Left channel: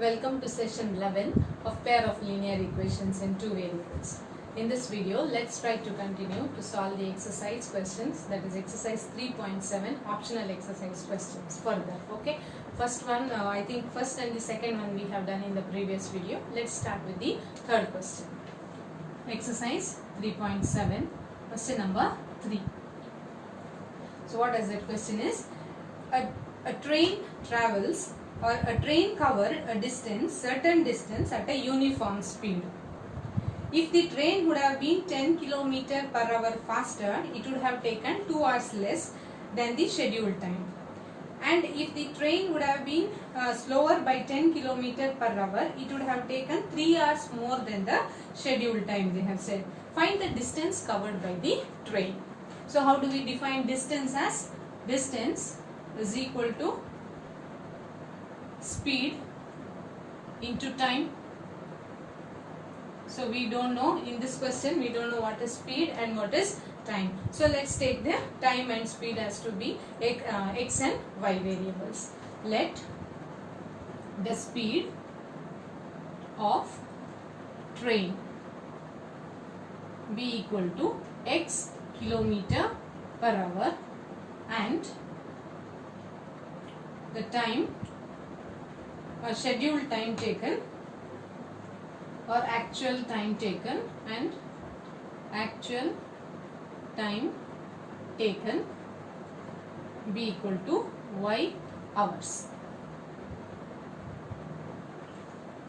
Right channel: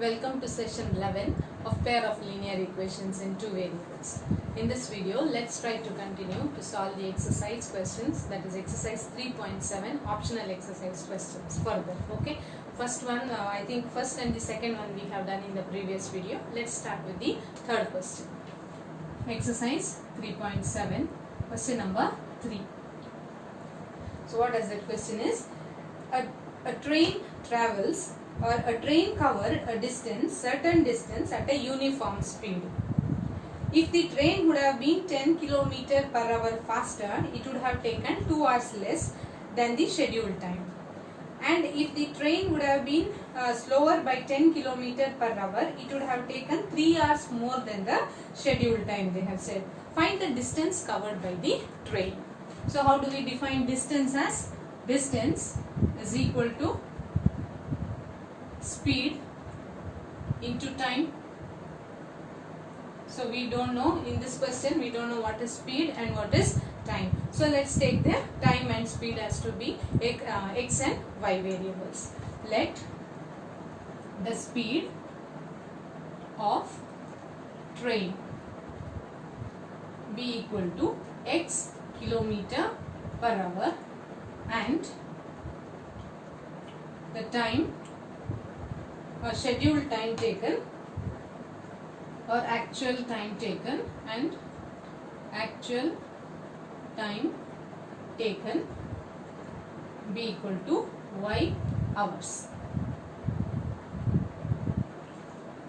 Welcome to session 11 of pair of linear equations in two variables. In this video, let's try to continue to solve the exercise questions, that is exercise 3.7 optional exercise questions further. Okay, first one, I think first and the second one we have done in the previous video. Let's start with the third question. Exercise 3.7, question number 3. So what does that question is? A train travels or a train covers a certain distance at a uniform speed. If the train would have been 10 km per hour faster, it would have taken 2 hours less than the scheduled time. And if the train would have been slower by 10 km per hour, it would have taken 3 hours more than the scheduled time, they have said. Find the distance covered by the train. So how do we define distance? As distance is equal to speed into time. So we don't know, in this question we don't know what is speed and what is time. So let's take the time and speed as to be x and y variables. Let the speed of train be equal to x kilometer per hour and the time or scheduled time taken or actual time taken and actual time taken be equal to y hours.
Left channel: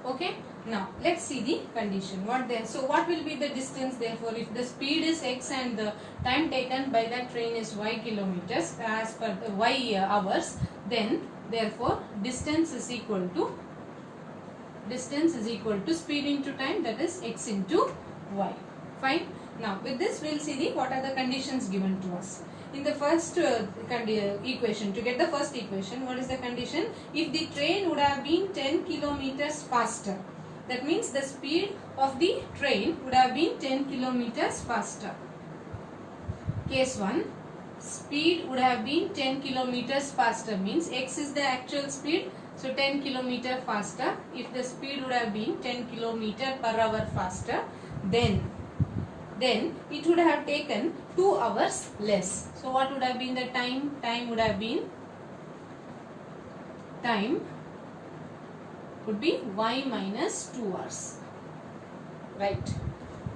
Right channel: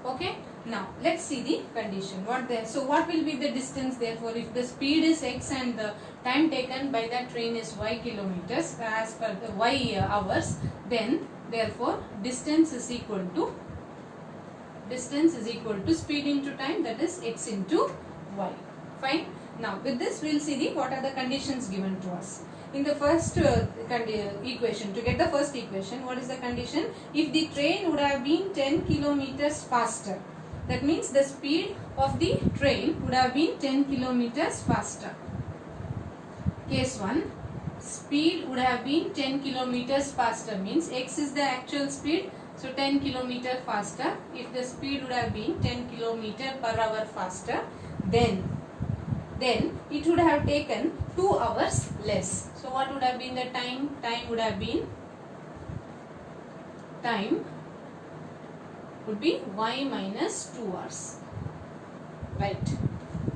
Okay, now let's see the condition. So what will be the distance? Therefore, if the speed is x and the time taken by that train is y kilometers as per the y hours, then therefore distance is equal to speed into time, that is x into y. Fine. Now with this we will see what are the conditions given to us. In the first equation, to get the first equation, what is the condition? If the train would have been 10 kilometers faster, that means the speed of the train would have been 10 kilometers faster. Case 1, speed would have been 10 kilometers faster, means x is the actual speed, so 10 kilometer faster. If the speed would have been 10 kilometer per hour faster, then it would have taken 2 hours less. So what would have been the time? Time would be y minus 2 hours. Right.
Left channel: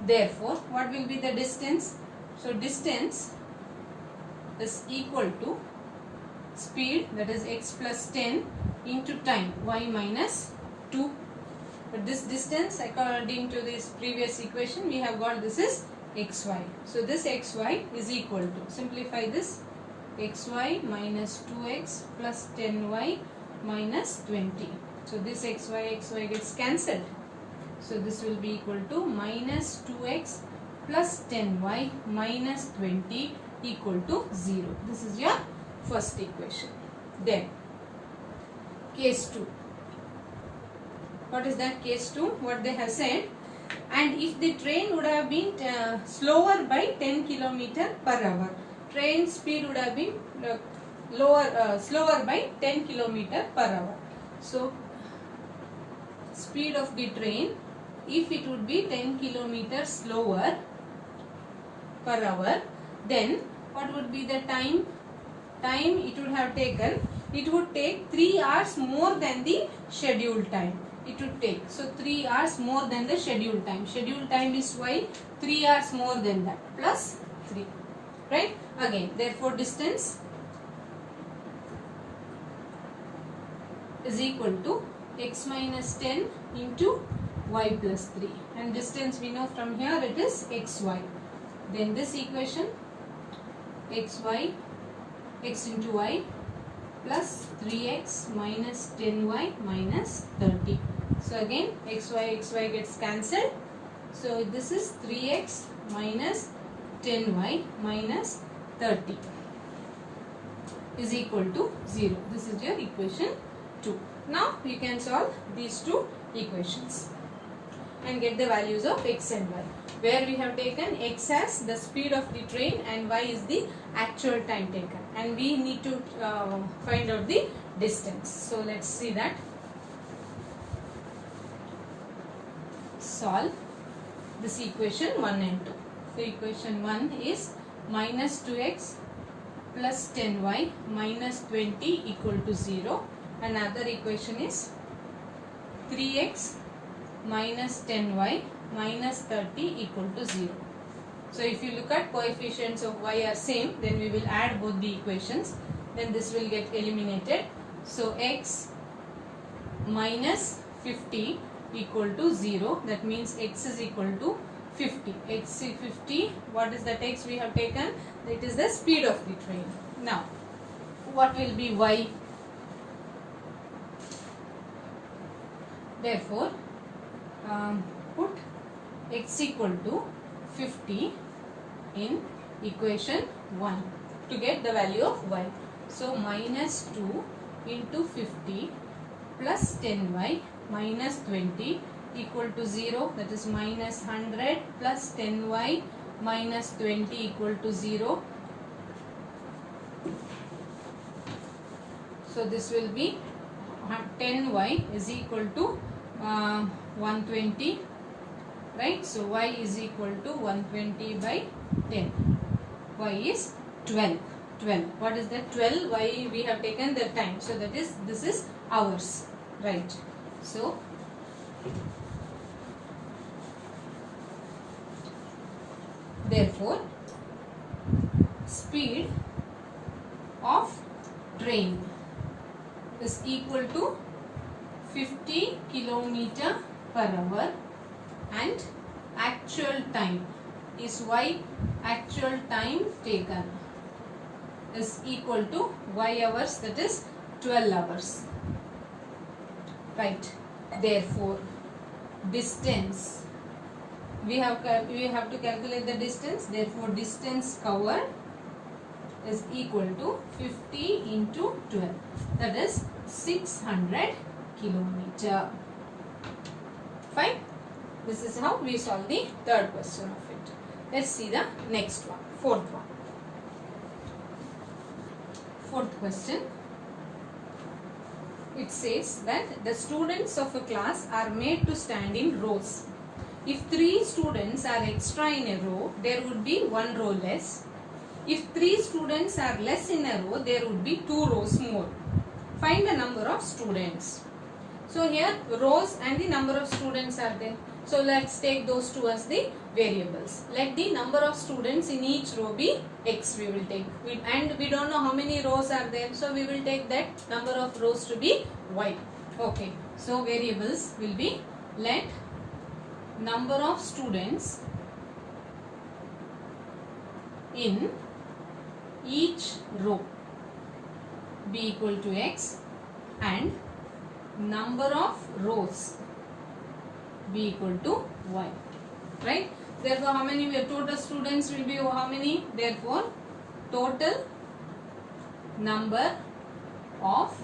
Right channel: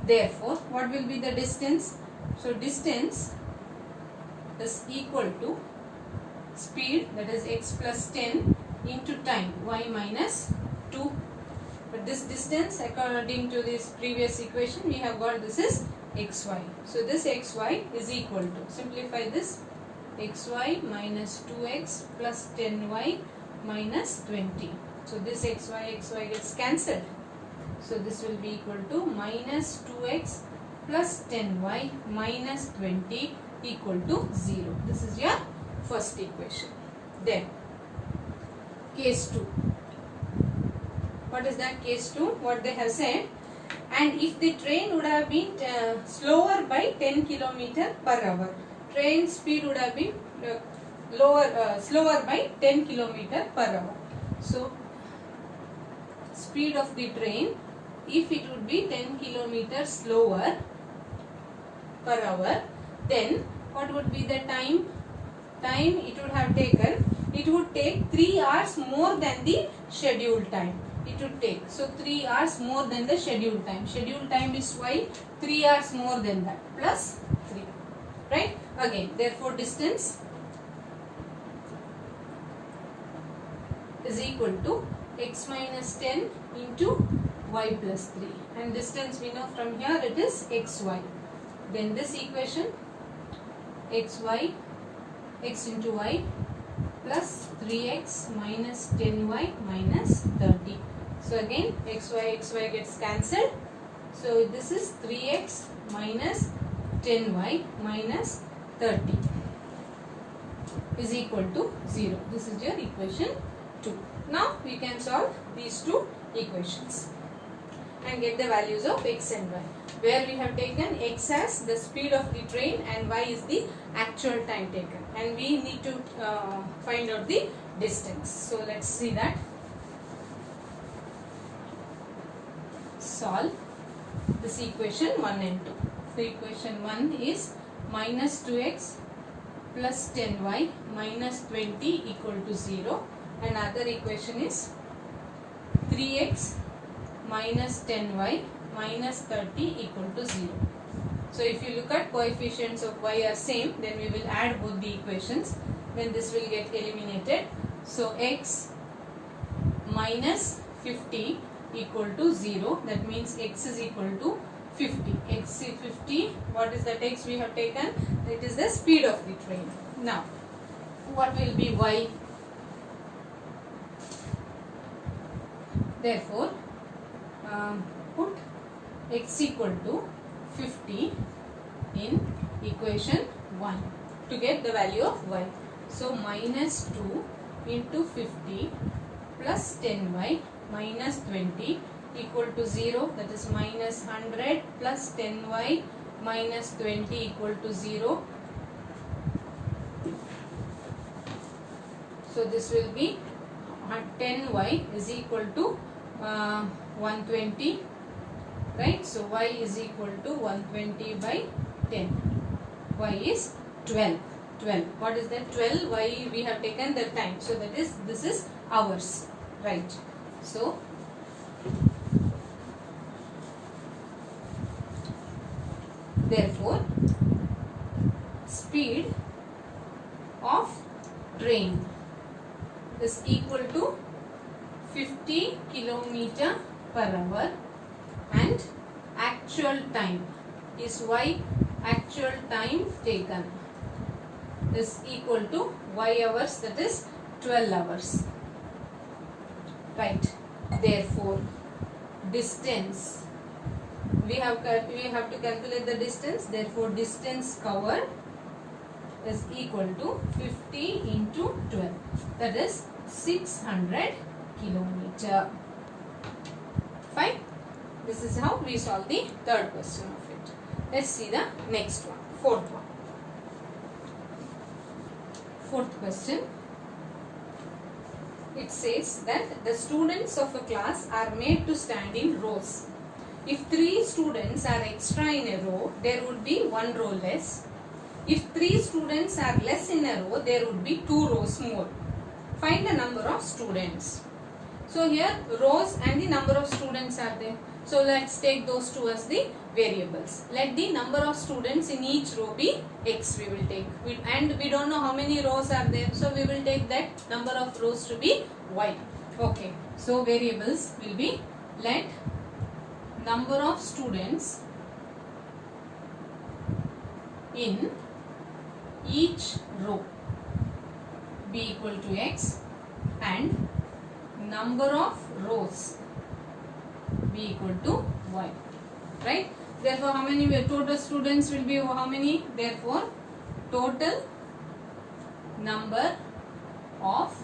Therefore, what will be the distance? So distance is equal to speed, that is x plus 10 into time, y minus 2. But this distance, according to this previous equation, we have got this is xy. So this xy is equal to, simplify this, xy minus 2x plus 10y minus 20. So this xy gets cancelled. So this will be equal to minus 2x plus 10y minus 20 equal to 0. This is your first equation. Then case 2. What is that? Case 2, what they have said, and if the train would have been slower by 10 km per hour, train speed would have been slower by 10 km per hour. So speed of the train, if it would be 10 km slower per hour, then what would be the time? Time it would have taken, it would take 3 hours more than the scheduled time. It would take, so 3 hours more than the scheduled time. Scheduled time is y, 3 hours more than that, plus 3. Right? Again, therefore distance is equal to x minus 10 into y plus 3. And distance we know from here it is xy. Then this equation, xy, x into y plus 3x minus 10y minus 30. So again xy gets cancelled. So this is 3x minus 10y minus 30 is equal to 0. This is your equation 2. Now you can solve these two equations and get the values of x and y, where we have taken x as the speed of the train and y is the actual time taken, and we need to find out the distance. So let's see that. solve this equation 1 and 2. So equation 1 is minus 2x plus 10y minus 20 equal to 0. Another equation is 3x minus 10y minus 30 equal to 0. So if you look at coefficients of y are same, then we will add both the equations, then this will get eliminated. So x minus 50 equal to 0, that means x is equal to 50. X is 50, what is that x we have taken? It is the speed of the train. Now, what will be y? Therefore, put x equal to 50 in equation 1 to get the value of y. So, minus 2 into 50 plus 10y minus 20 equal to 0, that is minus 100 plus 10y minus 20 equal to 0. So this will be 10y is equal to 120, right? So y is equal to 120 by 10. Y is 12. 12. What is that? 12. Y we have taken the time. So that is, this is hours, right? So therefore, speed of train is equal to 50 km per hour and actual time is y, actual time taken is equal to y hours, that is 12 hours, right? Therefore, distance, we have to calculate the distance. Therefore, distance covered is equal to 50 into 12, that is 600 kilometer. Fine. This is how we solve the third question of it. Let's see the next one, fourth one. Fourth question. It says that the students of a class are made to stand in rows. If 3 students are extra in a row, there would be 1 row less. If 3 students are less in a row, there would be 2 rows more. Find the number of students. So here rows and the number of students are there. So let's take those two as the variables. Let the number of students in each row be x we will take. And we don't know how many rows are there. So we will take that number of rows to be y. Okay. So variables will be, let number of students in each row be equal to x and number of rows be equal to y, right? Therefore, how many total students will be how many? Therefore, total number of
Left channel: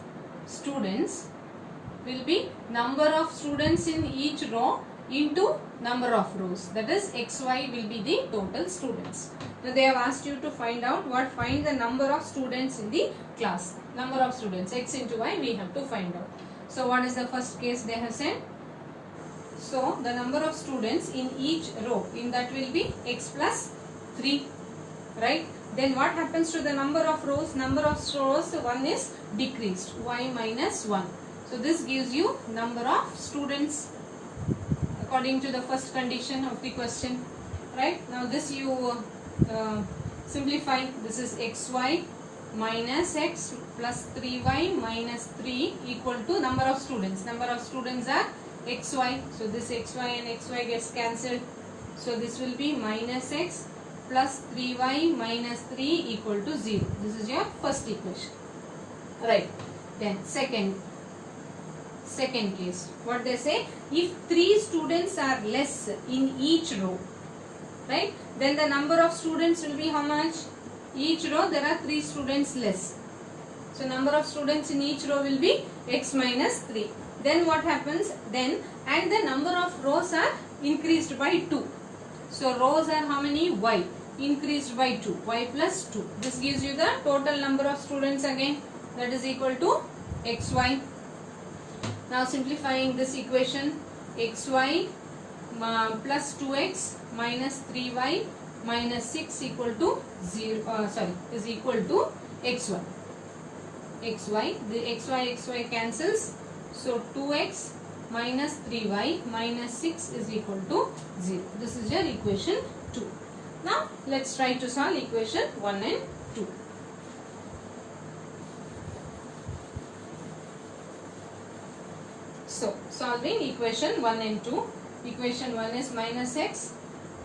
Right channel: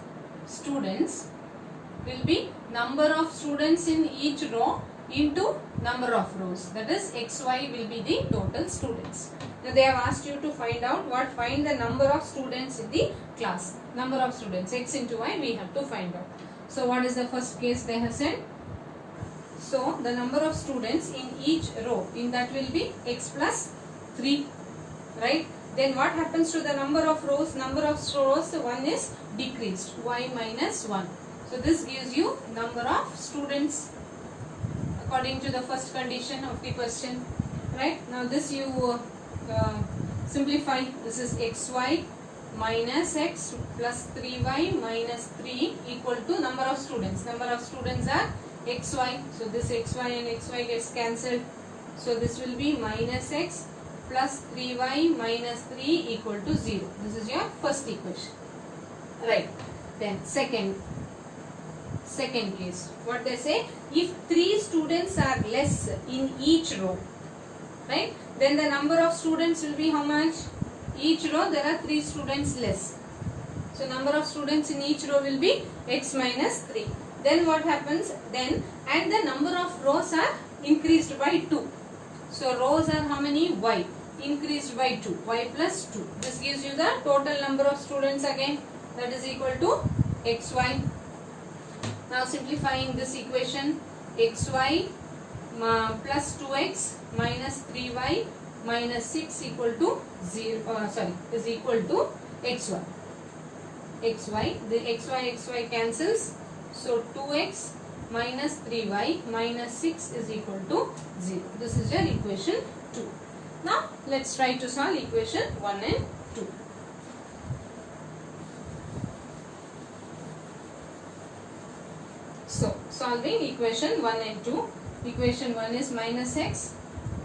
students will be number of students in each row into number of rows, that is xy will be the total students. Now they have asked you to find out find the number of students in the class. Number of students, x into y we have to find out. So what is the first case they have said? So the number of students in each row, in that will be x plus 3, right? Then what happens to the number of rows? Number of rows, 1 is decreased, y minus 1. So this gives you number of students according to the first condition of the question, right? Now this you simplify. This is xy minus x plus 3y minus 3 equal to number of students. Number of students are xy. So this xy and xy gets cancelled. So this will be minus x plus 3y minus 3 equal to 0. This is your first equation, right? Then second case, what they say, if 3 students are less in each row, right, then the number of students will be how much? Each row there are 3 students less. So number of students in each row will be x minus 3. Then what happens? Then, and the number of rows are increased by 2. So rows are how many? Y. Increased by 2. Y plus 2. This gives you the total number of students again. That is equal to xy. Now simplifying this equation, xy plus 2x minus 3y minus 6 equal to 0, is equal to xy. The xy cancels. So 2x minus 3y minus 6 is equal to 0. This is your equation 2. Now let's try to solve equation 1 and 2. So solving equation 1 and 2. Equation 1 is minus x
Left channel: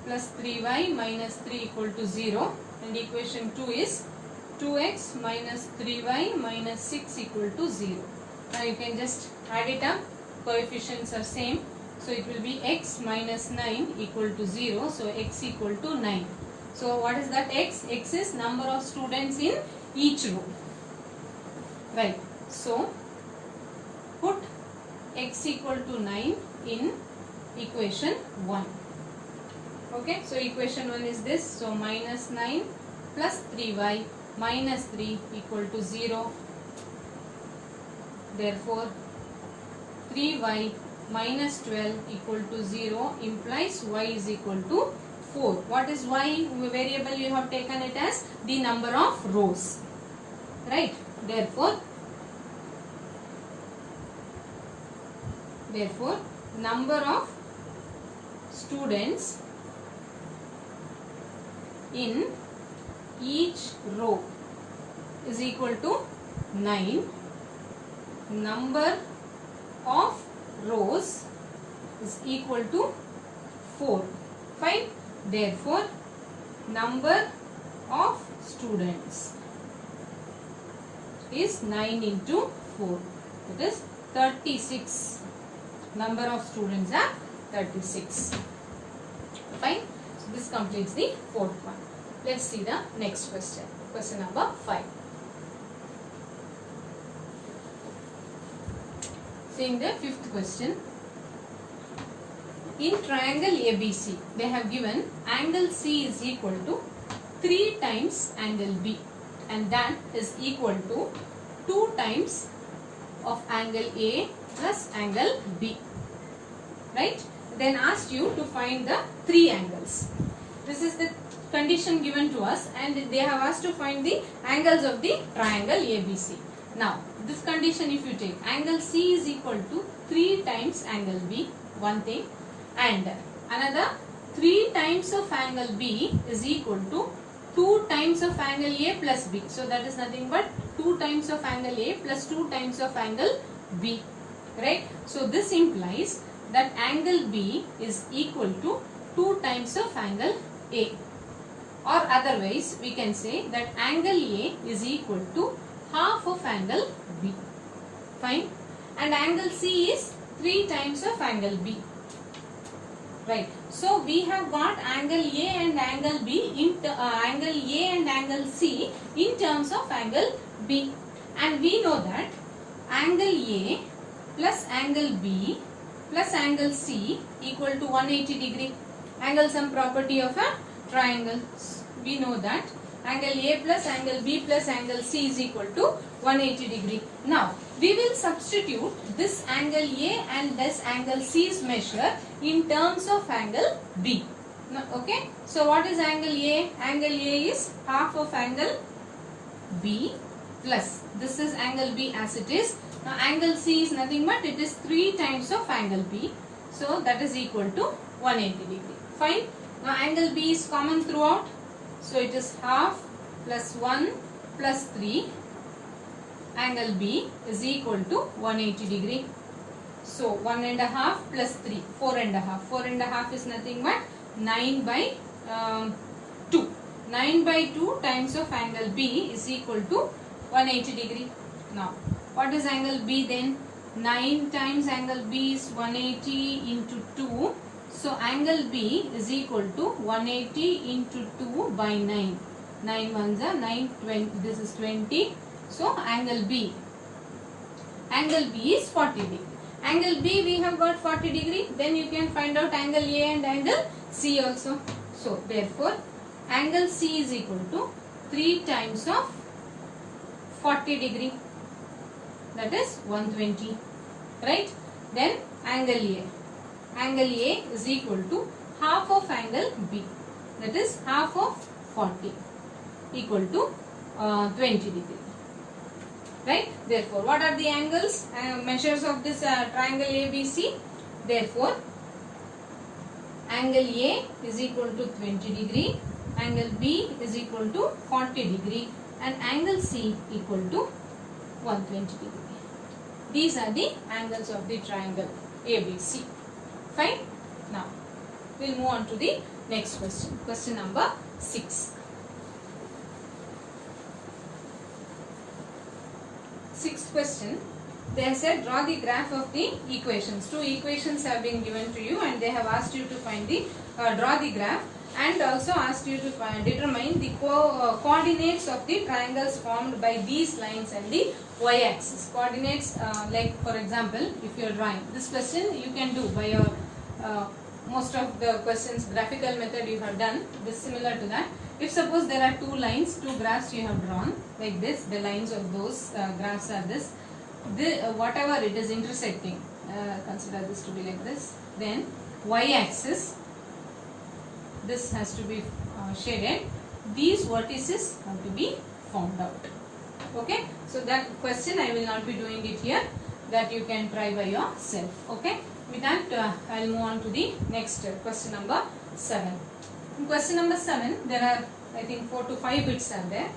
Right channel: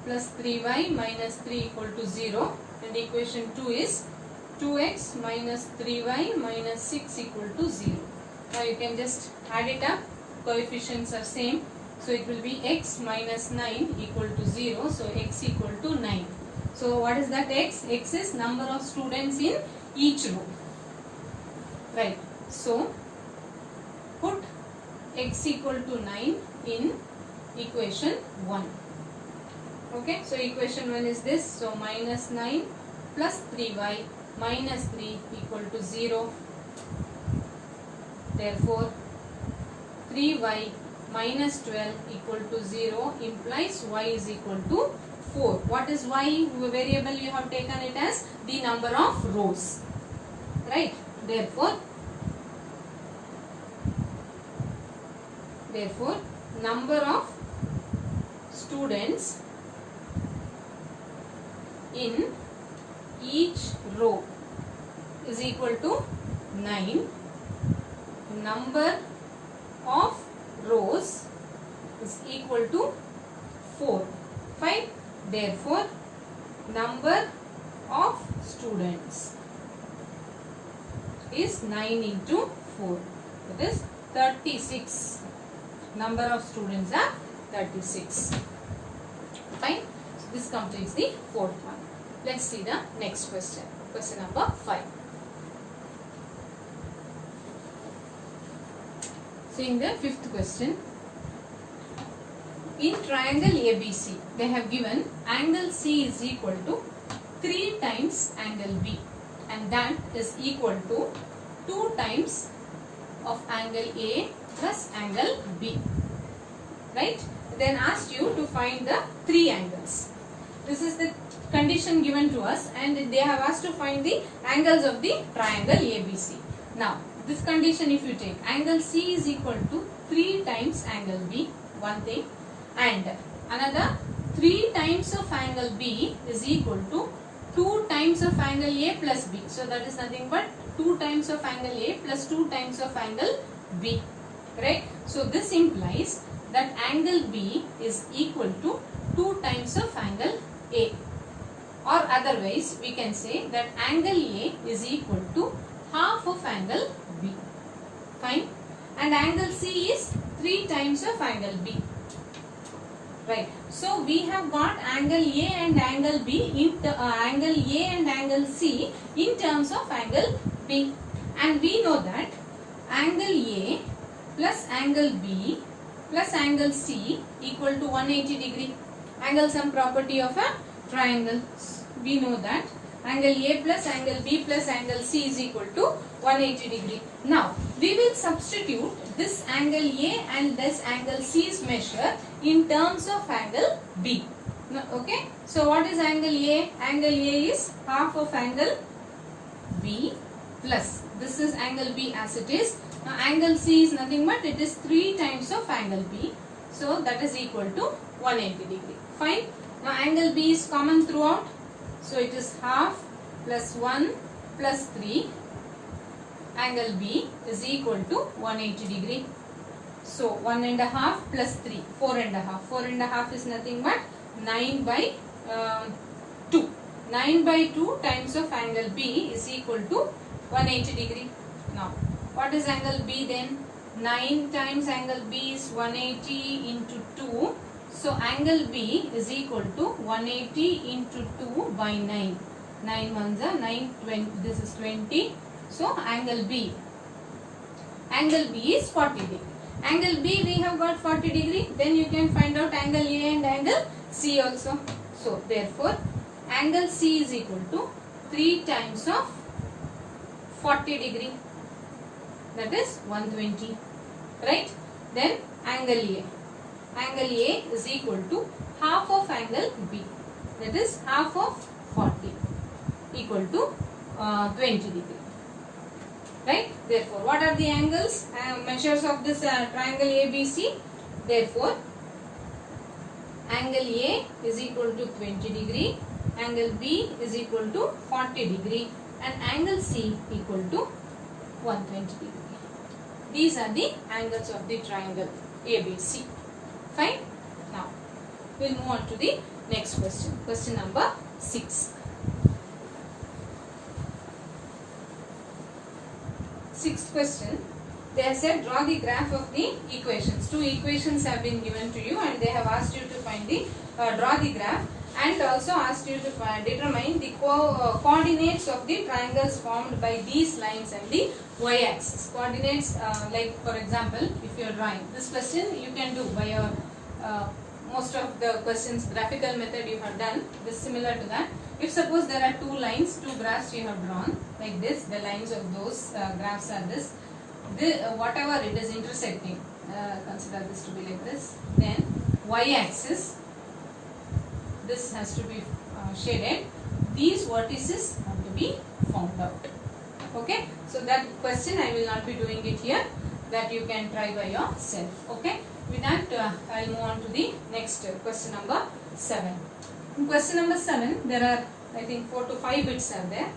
plus 3y minus 3 equal to 0, and equation 2 is 2x minus 3y minus 6 equal to 0. Now you can just add it up. Coefficients are same. So it will be x minus 9 equal to 0. So x equal to 9. So what is that x? X is number of students in each row. Right. So put x equal to 9 in equation 1. Okay. So equation 1 is this. So minus 9 plus 3y minus 3 equal to 0. Therefore 3y minus 12 equal to 0 implies y is equal to 4. What is y? Variable you have taken it as the number of rows. Right. Therefore number of students in each row is equal to 9. Number of rows is equal to 4. Fine. Therefore number of students is 9 into 4. That is 36. Number of students are 36. Fine. So this completes the fourth one. Let's see the next question. Question number 5. Seeing the fifth question. In triangle ABC, they have given angle C is equal to 3 times angle B, and that is equal to 2 times of angle A plus angle B. Right? Then asked you to find the 3 angles. This is the condition given to us, and they have asked to find the angles of the triangle ABC. Now, this condition if you take, angle C is equal to 3 times angle B, one thing, and another 3 times of angle B is equal to 2 times of angle A plus B. So that is nothing but 2 times of angle A plus 2 times of angle B. Right? So this implies that angle B is equal to 2 times of angle A. Or otherwise we can say that angle A is equal to half of angle B. Fine. And angle C is 3 times of angle B. Right. So we have got angle A and angle B in angle A and angle C in terms of angle B, and we know that angle A plus angle B plus angle C equal to 180 degree. Angle sum property of a triangle. We know that angle A plus angle B plus angle C is equal to 180 degree. Now we will substitute this angle A and this angle C's measure in terms of angle B. Now, okay. So what is angle A? Angle A is half of angle B plus this is angle B as it is. Now angle C is nothing but it is 3 times of angle B. So that is equal to 180 degree. Fine. Now angle B is common throughout. So it is half plus 1 plus 3. Angle B is equal to 180 degree. So 1.5 plus 3, 4.5. 4.5 is nothing but 9 by 2. 9 by 2 times of angle B is equal to 180 degree. Now what is angle B then? 9 times angle B is 180 into 2. So angle B is equal to 180 into 2 by 9. 9 ones are 9, 20. This is 20. So angle B is 40 degree. Angle B we have got 40 degree. Then you can find out angle A and angle C also. So therefore angle C is equal to 3 times of 40 degree. That is 120. Right? Then angle A. angle A is equal to half of angle B, that is half of 40 equal to 20 degree. Right? Therefore, what are the angles, measures of this triangle ABC? Therefore, angle A is equal to 20 degree, angle B is equal to 40 degree and angle C equal to 120 degree. These are the angles of the triangle ABC. Fine. Now, we will move on to the next question. Question number 6. Sixth question. They have said draw the graph of the equations. Two equations have been given to you and they have asked you to find the draw the graph and also asked you to determine the coordinates of the triangles formed by these lines and the y-axis. Coordinates like for example, if you are drawing this question, you can do by your most of the questions graphical method you have done. This similar to that. If suppose there are two lines, two graphs you have drawn like this, the lines of those graphs are this. Whatever it is intersecting, consider this to be like this. Then y-axis, this has to be shaded. These vertices have to be found out. Okay. So that question I will not be doing it here. That you can try by yourself. Okay. With that, I will move on to the next question number 7. In question number 7, there are I think 4 to 5 bits are there,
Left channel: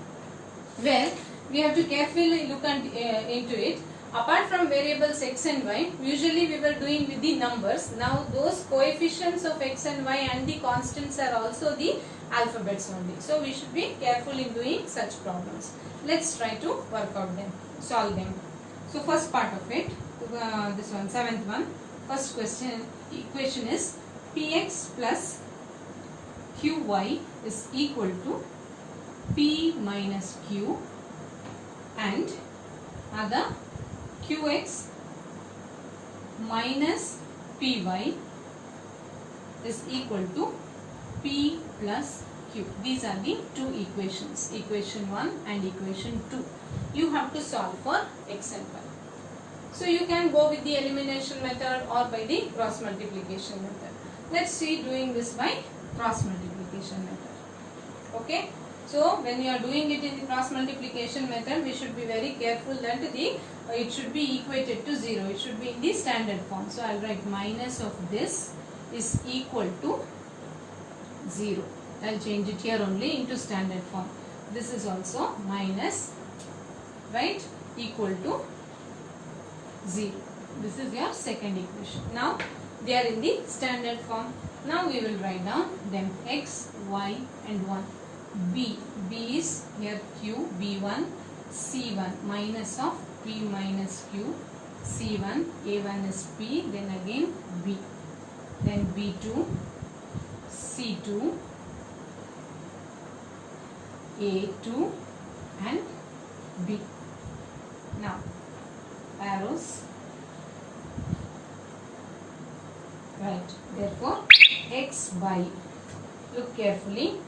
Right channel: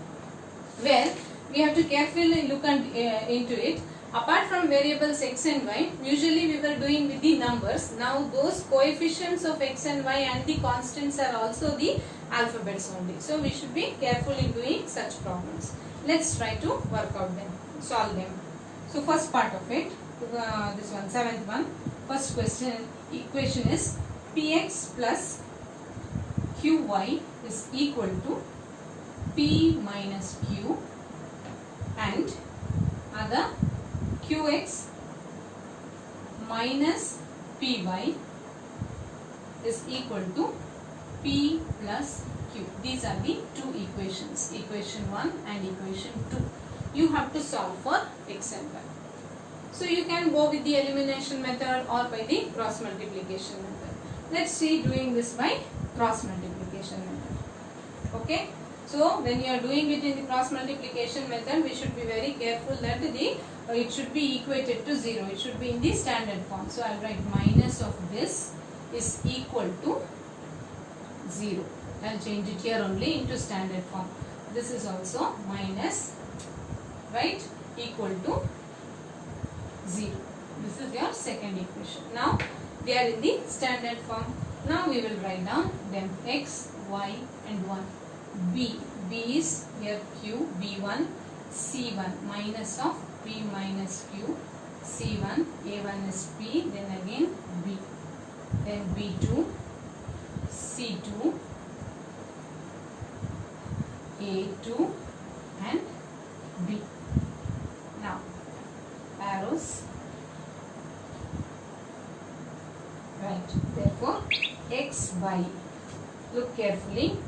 where we have to carefully look into it. Apart from variables x and y, usually we were doing with the numbers. Now those coefficients of x and y and the constants are also the alphabets only. So we should be careful in doing such problems. Let's try to work out them, solve them. So first part of it, this one, 7th one. First question, equation is px plus qy is equal to p minus q and other qx minus py is equal to p plus q. These are the two equations, equation 1 and equation 2. You have to solve for x and y. So you can go with the elimination method or by the cross multiplication method. Let's see doing this by cross multiplication method. Okay. So when you are doing it in the cross multiplication method, we should be very careful that it should be equated to 0. It should be in the standard form. So I will write minus of this is equal to 0. I will change it here only into standard form. This is also minus, right, equal to 0. This is your second equation. Now they are in the standard form. Now we will write down them x, y and 1. B is here q, b1, c1 minus of p minus q, c1, a1 is p, then again b, then b2, c2, a2 and b. Now arrows, right, therefore x by, look carefully,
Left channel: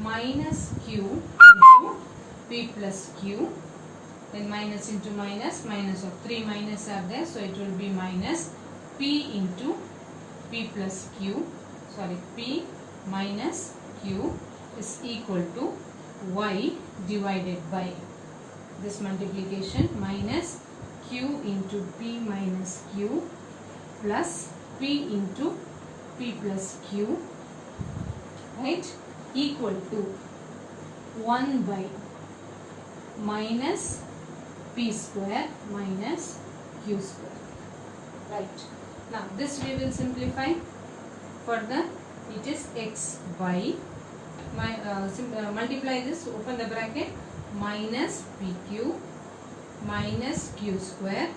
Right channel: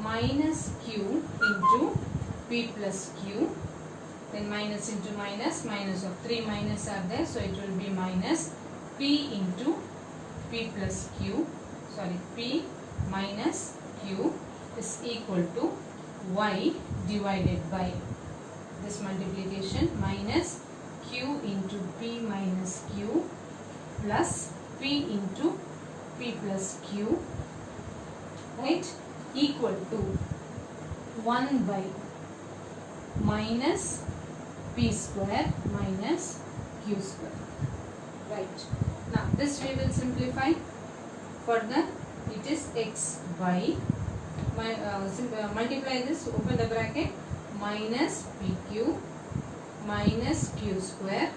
minus q into p plus q, then minus into minus, minus of 3 minus are there, so it will be minus p into p plus q, sorry, p minus q is equal to y divided by this multiplication minus q into p minus q plus p into p plus q, right, equal to 1 by minus p square minus q square. Right. Now this we will simplify further. It is x by multiply this, open the bracket, minus pq minus q square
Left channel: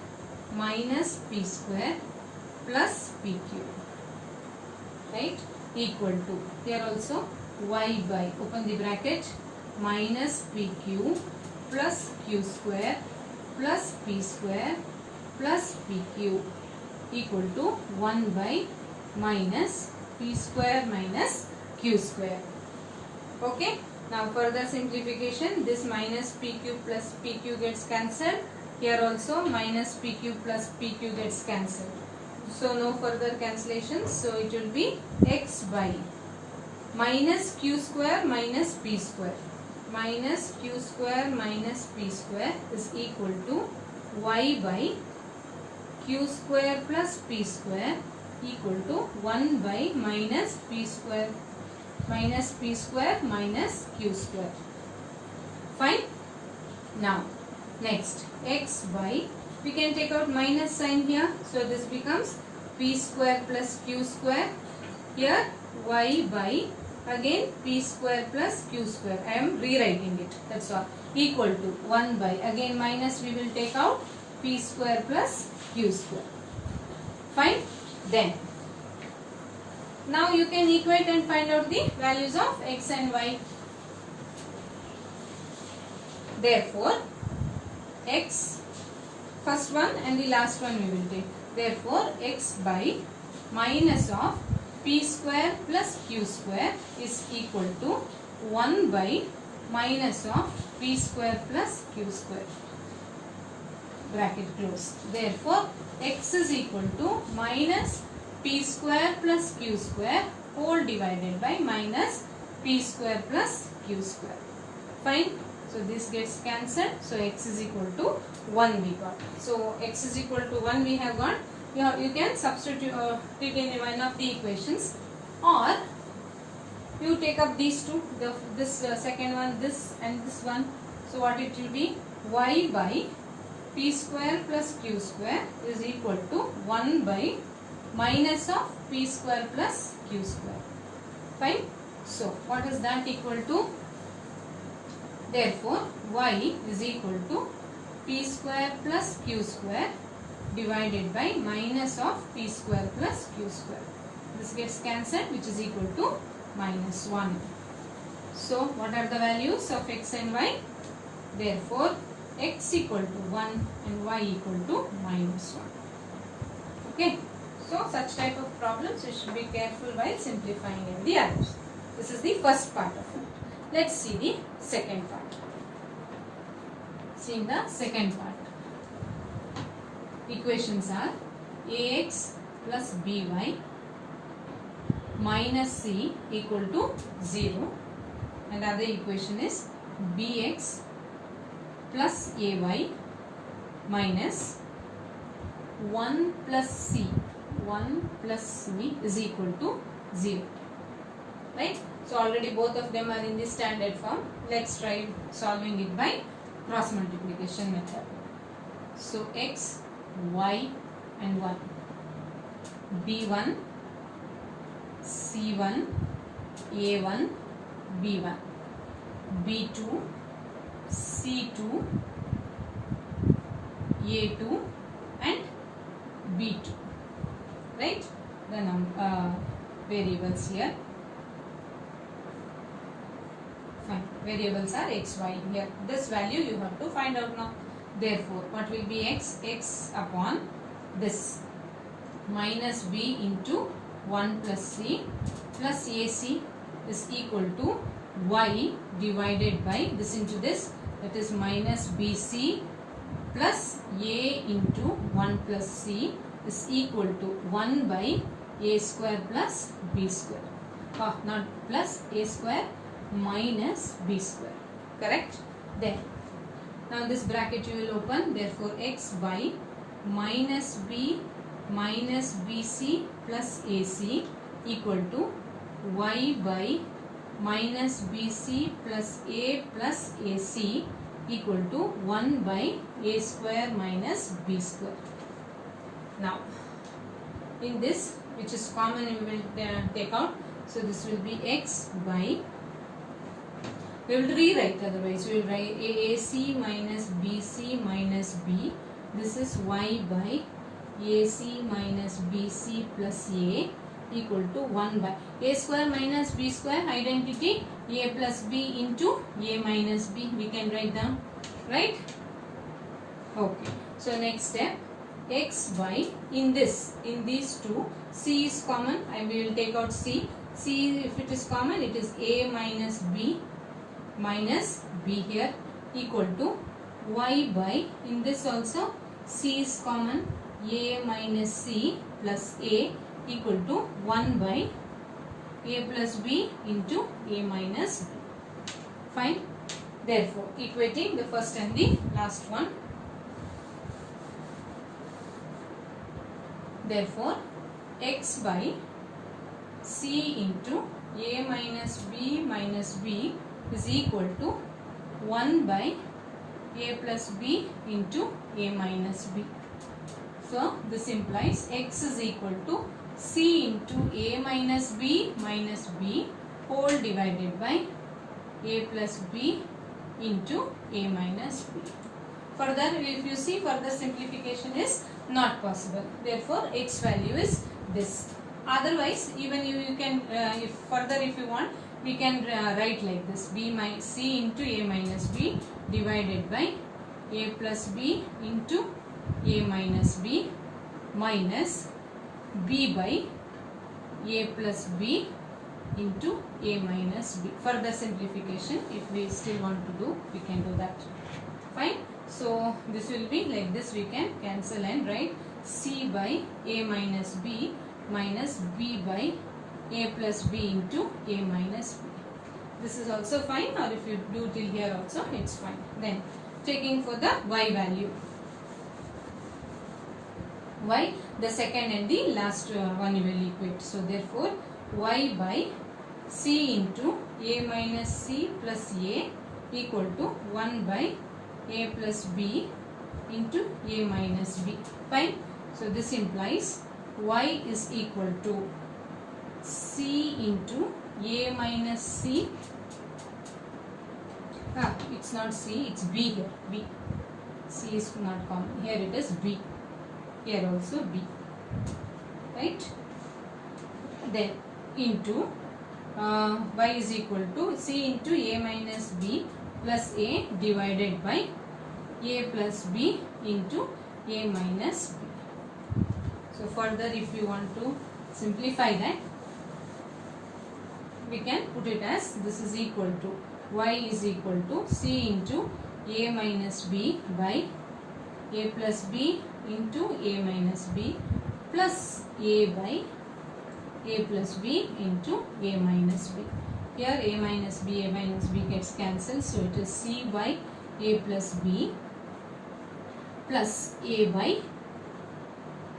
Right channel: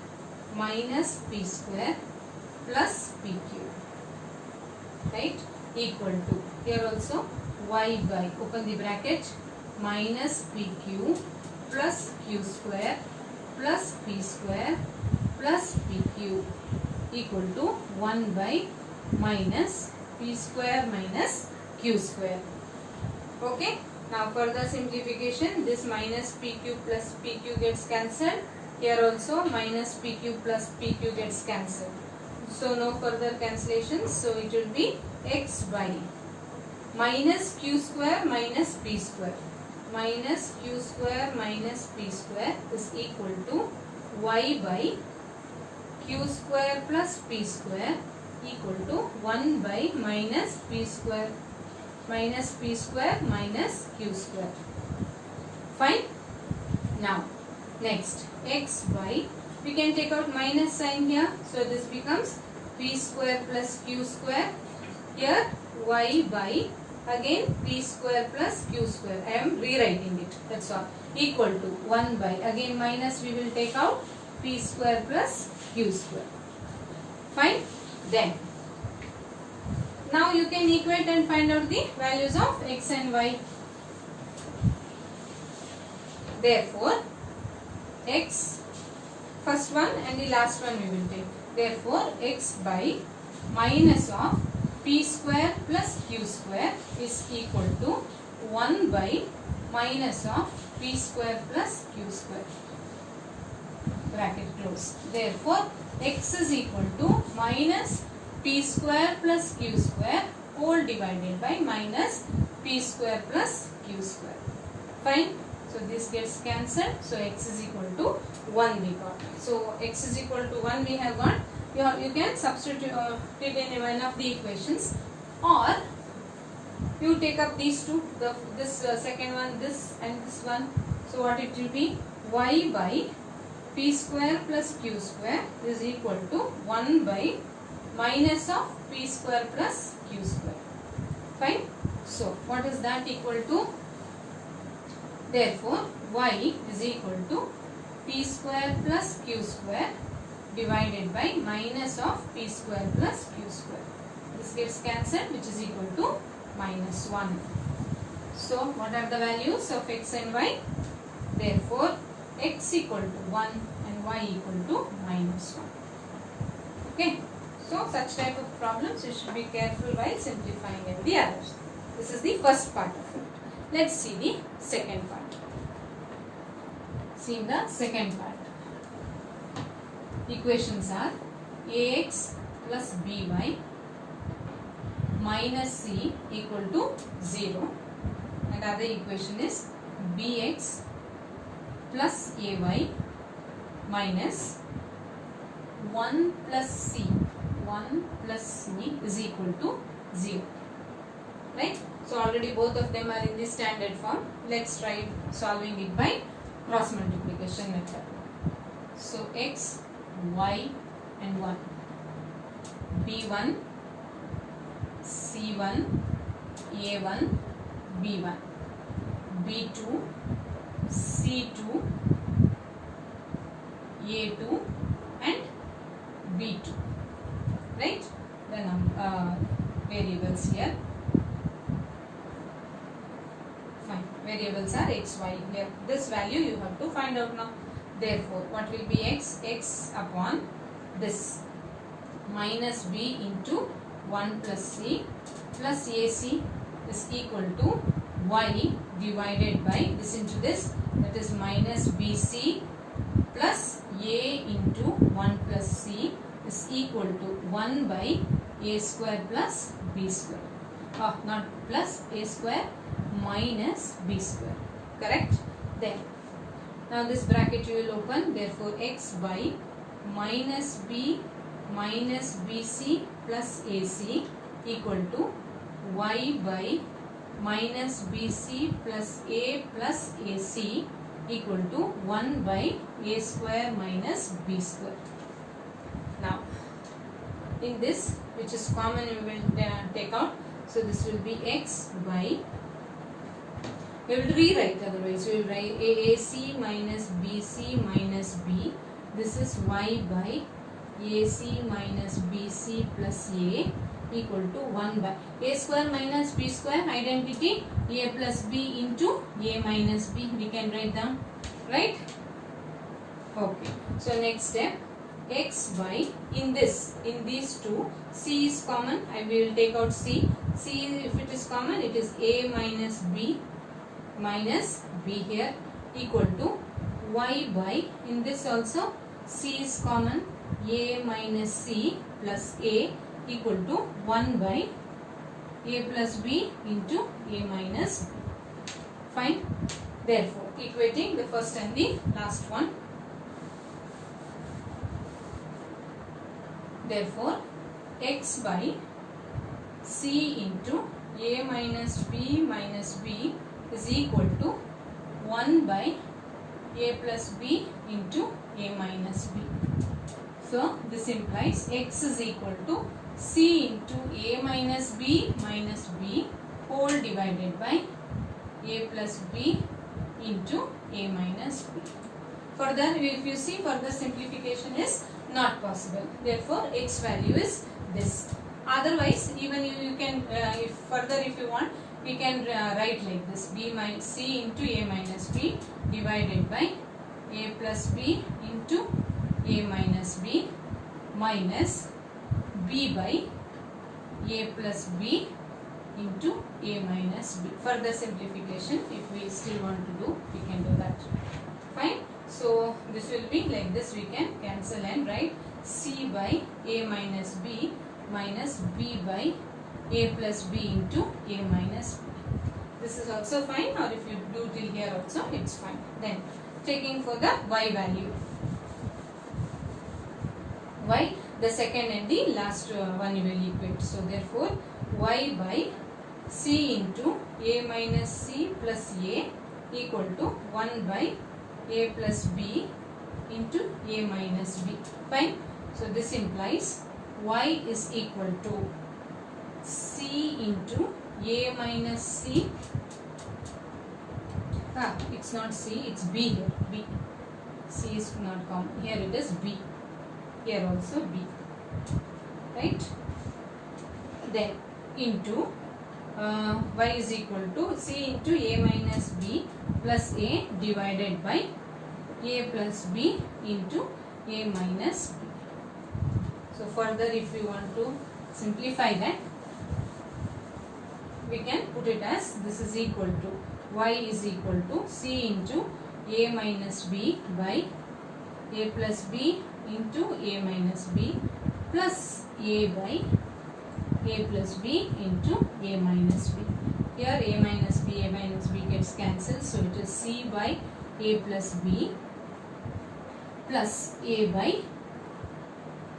minus p square plus pq, right, equal to, here also y by, open the bracket, minus pq plus q square plus p square plus pq equal to 1 by minus p square minus q square. Okay. Now further simplification, this minus pq plus pq gets cancelled. Here also minus pq plus pq gets cancelled. So no further cancellations. So it will be x by minus q square minus p square. Minus q square minus p square is equal to y by q square plus p square equal to 1 by minus p square minus q square. Fine. Now next x by, we can take out minus sign here, so this becomes p square plus q square. Here y by again p square plus q square. I am rewriting it, that's all, equal to 1 by, again minus we will take out, p square plus q square. Fine. Then now you can equate and find out the values of x and y. Therefore x, first one and the last one we will take. Therefore x by minus of p square plus q square is equal to 1 by minus of p square plus q square. Bracket close. Therefore x is equal to minus p square plus q square whole divided by minus p square plus q square. Fine. So this gets cancelled. So x is equal to 1 we got. So x is equal to 1 we have got. You can substitute it in one of the equations, or you take up these two, this second one, this and this one. So what it will be, y by p square plus q square is equal to 1 by minus of p square plus q square. Fine. So what is that equal to? Therefore y is equal to p square plus q square divided by minus of p square plus q square. This gets cancelled, which is equal to minus 1. So what are the values of x and y? Therefore x equal to 1 and y equal to minus 1. Okay. So such type of problems you should be careful while simplifying the others. This is the first part of it. Let's see the second part. See the second part. Equations are ax plus by minus c equal to 0, and other equation is bx plus ay minus 1 plus c. 1 plus c is equal to 0. Right? So already both of them are in the standard form. Let's try solving it by cross multiplication method. So x, y and 1. b1, c1, a1, b1, b2, c2, a2 and b2. Right? The variables here. Fine. Variables are x, y. Here, this value you have to find out now. Therefore, what will be x? X upon this minus b into 1 plus c plus ac is equal to y divided by this into this, that is minus bc plus a into 1 plus c is equal to 1 by a square plus b square. Not plus, a square minus b square. Correct? Then now this bracket you will open. Therefore x by minus b minus bc plus ac equal to y by minus bc plus a plus ac equal to 1 by a square minus b square. Now in this, which is common, we will take out. So this will be x by, we will rewrite, otherwise we will write AC minus BC minus B. This is y by AC minus BC plus A equal to 1 by A square minus B square, identity, A plus B into A minus B. We can write down, right? Okay. So next step, x by, in these two, C is common. I will take out C. C, if it is common, it is A minus B here equal to y by, in this also C is common, a minus c plus a equal to 1 by a plus b into a minus b. Fine. Therefore, equating the first and the last one. Therefore, x by c into a minus b is equal to 1 by a plus b into a minus b. So, this implies x is equal to c into a minus b whole divided by a plus b into a minus b. Further, if you see, further simplification is not possible. Therefore, x value is this. Otherwise, even you can, if you want, we can write like this: b minus c into a minus b divided by a plus b into a minus b minus b by a plus b into a minus b. Further simplification, if we still want to do, we can do that. Fine. So, this will be like this. We can cancel and write c by a minus b minus b by a plus b into a minus b. This is also fine, or if you do till here also, it's fine. Then, taking for the y value. Y, the second and the last one you will equate. So, therefore, y by c into a minus c plus a equal to 1 by a plus b into a minus b. Fine. So, this implies y is equal to c into a minus c. It's not c, it's b here. B. C is not common. Here it is b. Here also b. Right. Then into y is equal to c into a minus b plus a divided by a plus b into a minus b. So, further if we want to simplify that, we can put it as this is equal to y is equal to c into a minus b by a plus b into a minus b plus a by a plus b into a minus b. Here a minus b gets cancelled, so it is c by a plus b plus a by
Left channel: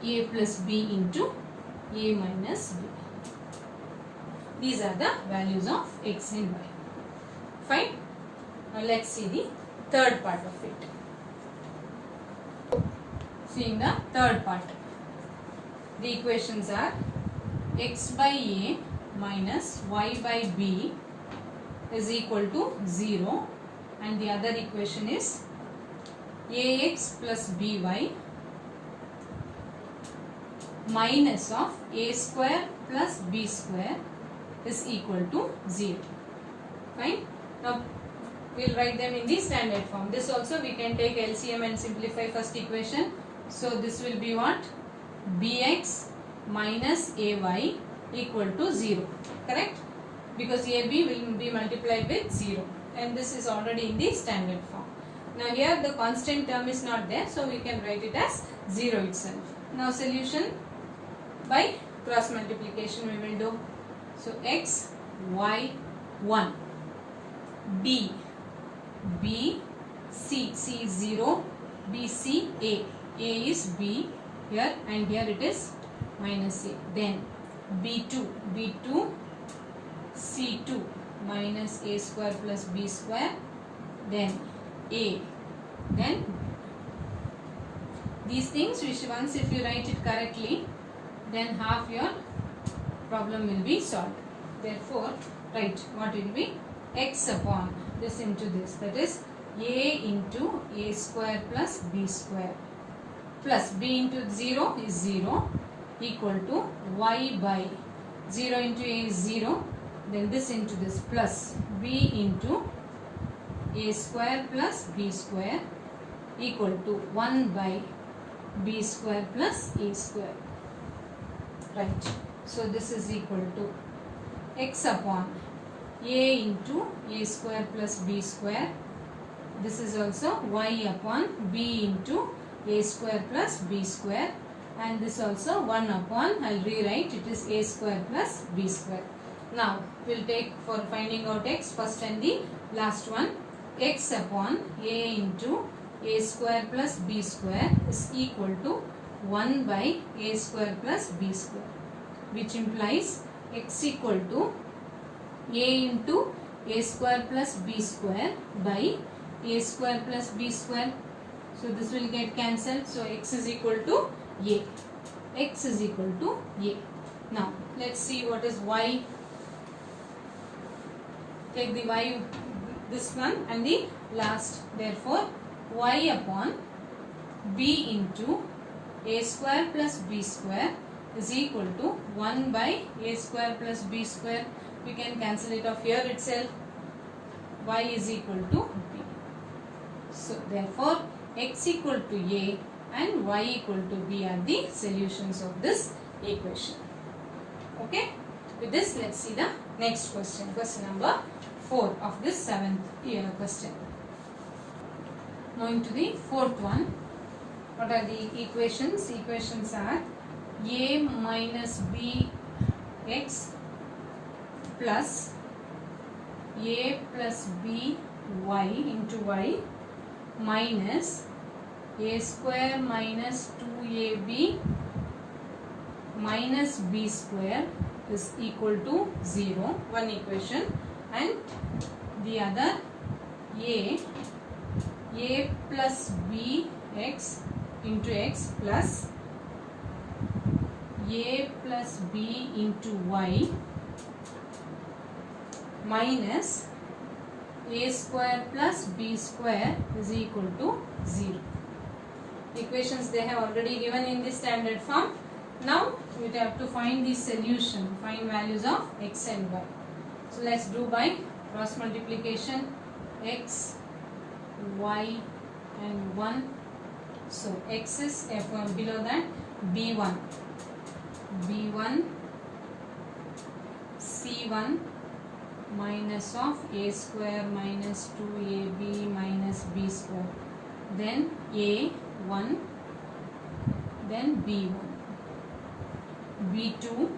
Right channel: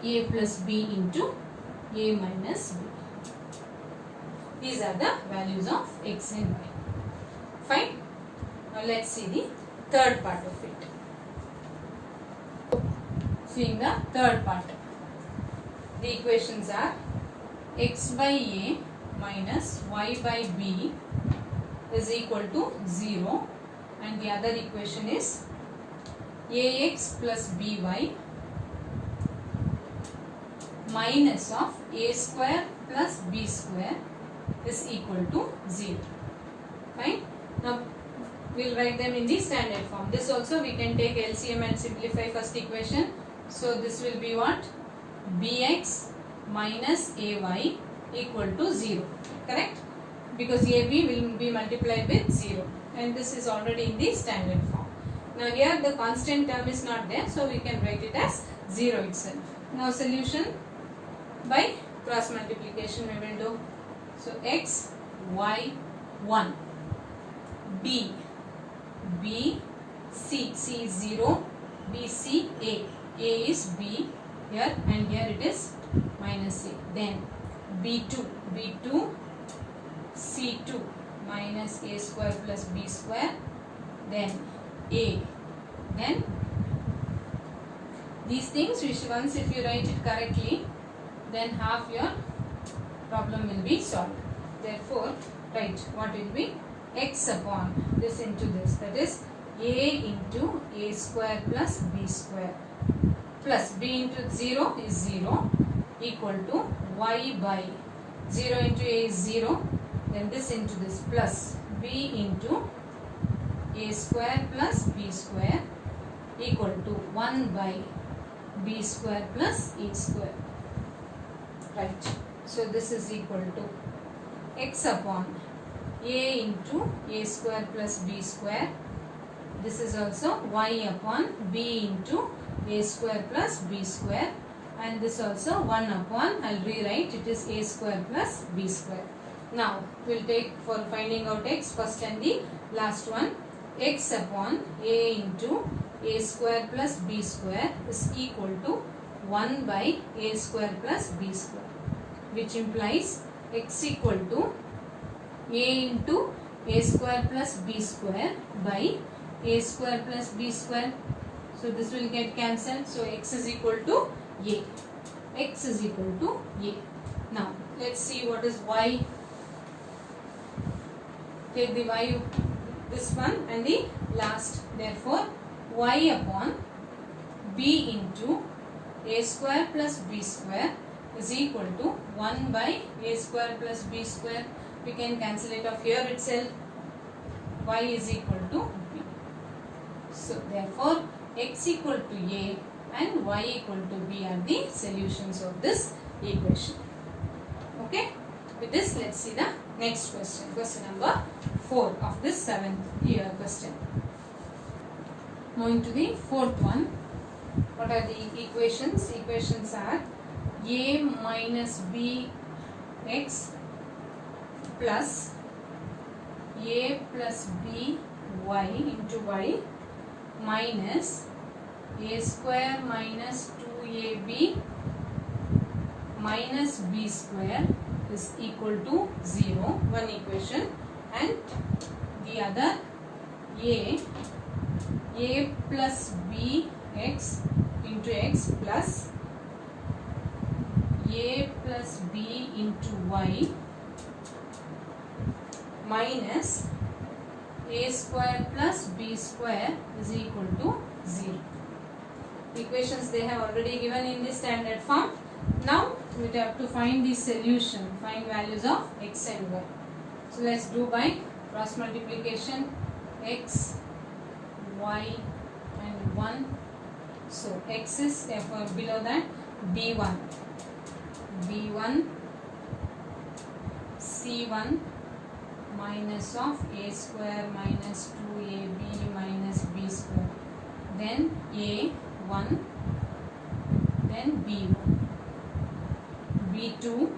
a plus b into a minus b. These are the values of x and y. Fine. Now let's see the third part of it. Seeing the third part. The equations are x by a minus y by b is equal to 0, and the other equation is ax plus by minus of a square plus b square is equal to 0. Fine. Now we will write them in the standard form. This also we can take LCM and simplify first equation. So this will be what? Bx minus ay equal to 0. Correct? Because ab will be multiplied with 0, and this is already in the standard form. Now here the constant term is not there, so we can write it as 0 itself. Now solution by cross multiplication we will do. So x, y, 1, b, c, c is 0, b, c, a is b here, and here it is minus a. Then b2, c2 minus a square plus b square, then a, then these things which once if you write it correctly, then half your problem will be solved. Therefore, write what will be x upon this into this, that is a into a square plus b square plus b into 0 is 0 equal to y by 0 into a is 0, then this into this plus b into a square plus b square equal to 1 by b square plus a square. Right. So this is equal to x upon a into a square plus b square. This is also y upon b into a square plus b square and this also 1 upon, I'll rewrite, it is a square plus b square. Now we'll take for finding out x first and the last one. X upon a into a square plus b square is equal to 1 by a square plus b square, which implies x equal to a into a square plus b square by a square plus b square. So this will get cancelled. So x is equal to a. X is equal to a. Now let's see what is y. Take the y, this one and the last. Therefore y upon b into a square plus b square is equal to 1 by a square plus b square. We can cancel it off here itself. Y is equal to b. So therefore x equal to a and y equal to b are the solutions of this equation. Okay. With this, let's see the next question. Question number 4 of this 7th year question. Moving to the 4th one. What are the equations? Equations are a minus b x plus a plus b y into y minus a square minus 2ab minus b square is equal to 0. One equation, and the other a plus b x into x plus a plus b into y minus a square plus b square is equal to 0. Equations they have already given in the standard form. Now we have to find the solution, find values of x and y. So let's do by cross multiplication. X, y and 1. So x is below that b1 c1 minus of a square minus 2ab minus b square, then a1, then b1, b2,